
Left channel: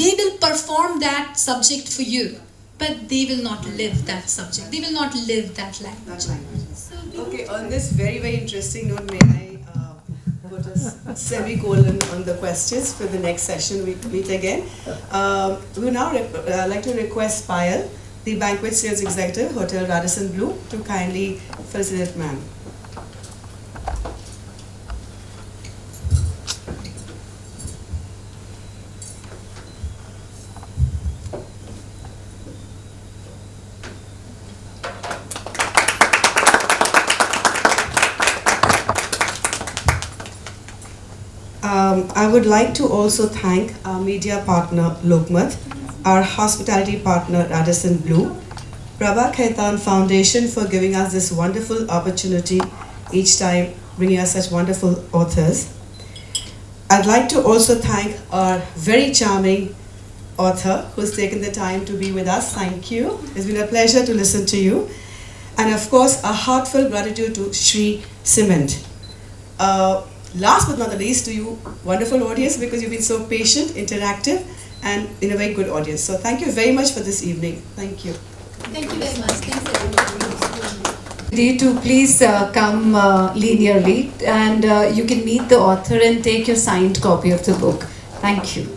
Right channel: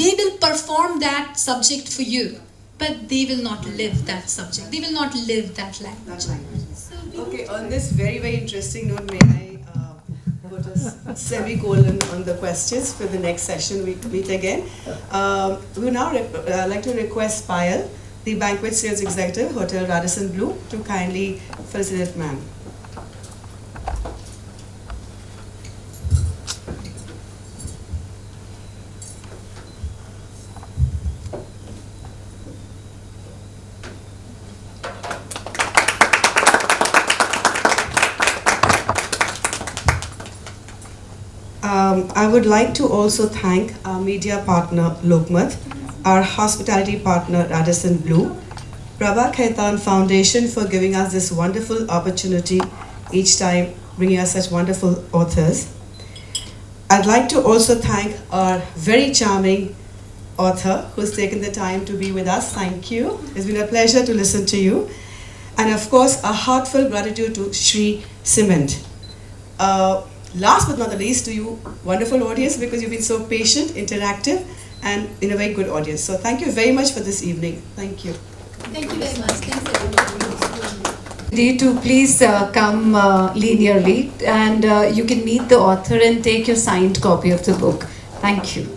They will perform that subject for you, but they will not live that subject. They will not live that language. Okay, on this very, very interesting note, may I put a semicolon on the questions for the next session we meet again. We would now like to request Payal, the Banquet Sales Executive, Hotel Radisson Blu, to kindly facilitate ma'am. I would like to also thank our media partner Lokmat, our hospitality partner Radisson Blu, Prabha Khaitan Foundation for giving us this wonderful opportunity each time, bringing us such wonderful authors. I'd like to also thank our very charming author who's taken the time to be with us. Thank you. It's been a pleasure to listen to you. And of course, a heartfelt gratitude to Shri Cement. Last but not the least, to you, wonderful audience, because you've been so patient, interactive, and in a very good audience. So thank you very much for this evening. Thank you. Thank you very much. Thanks everybody. Need to please come linearly, and you can meet the author and take your signed copy of the book. Thank you.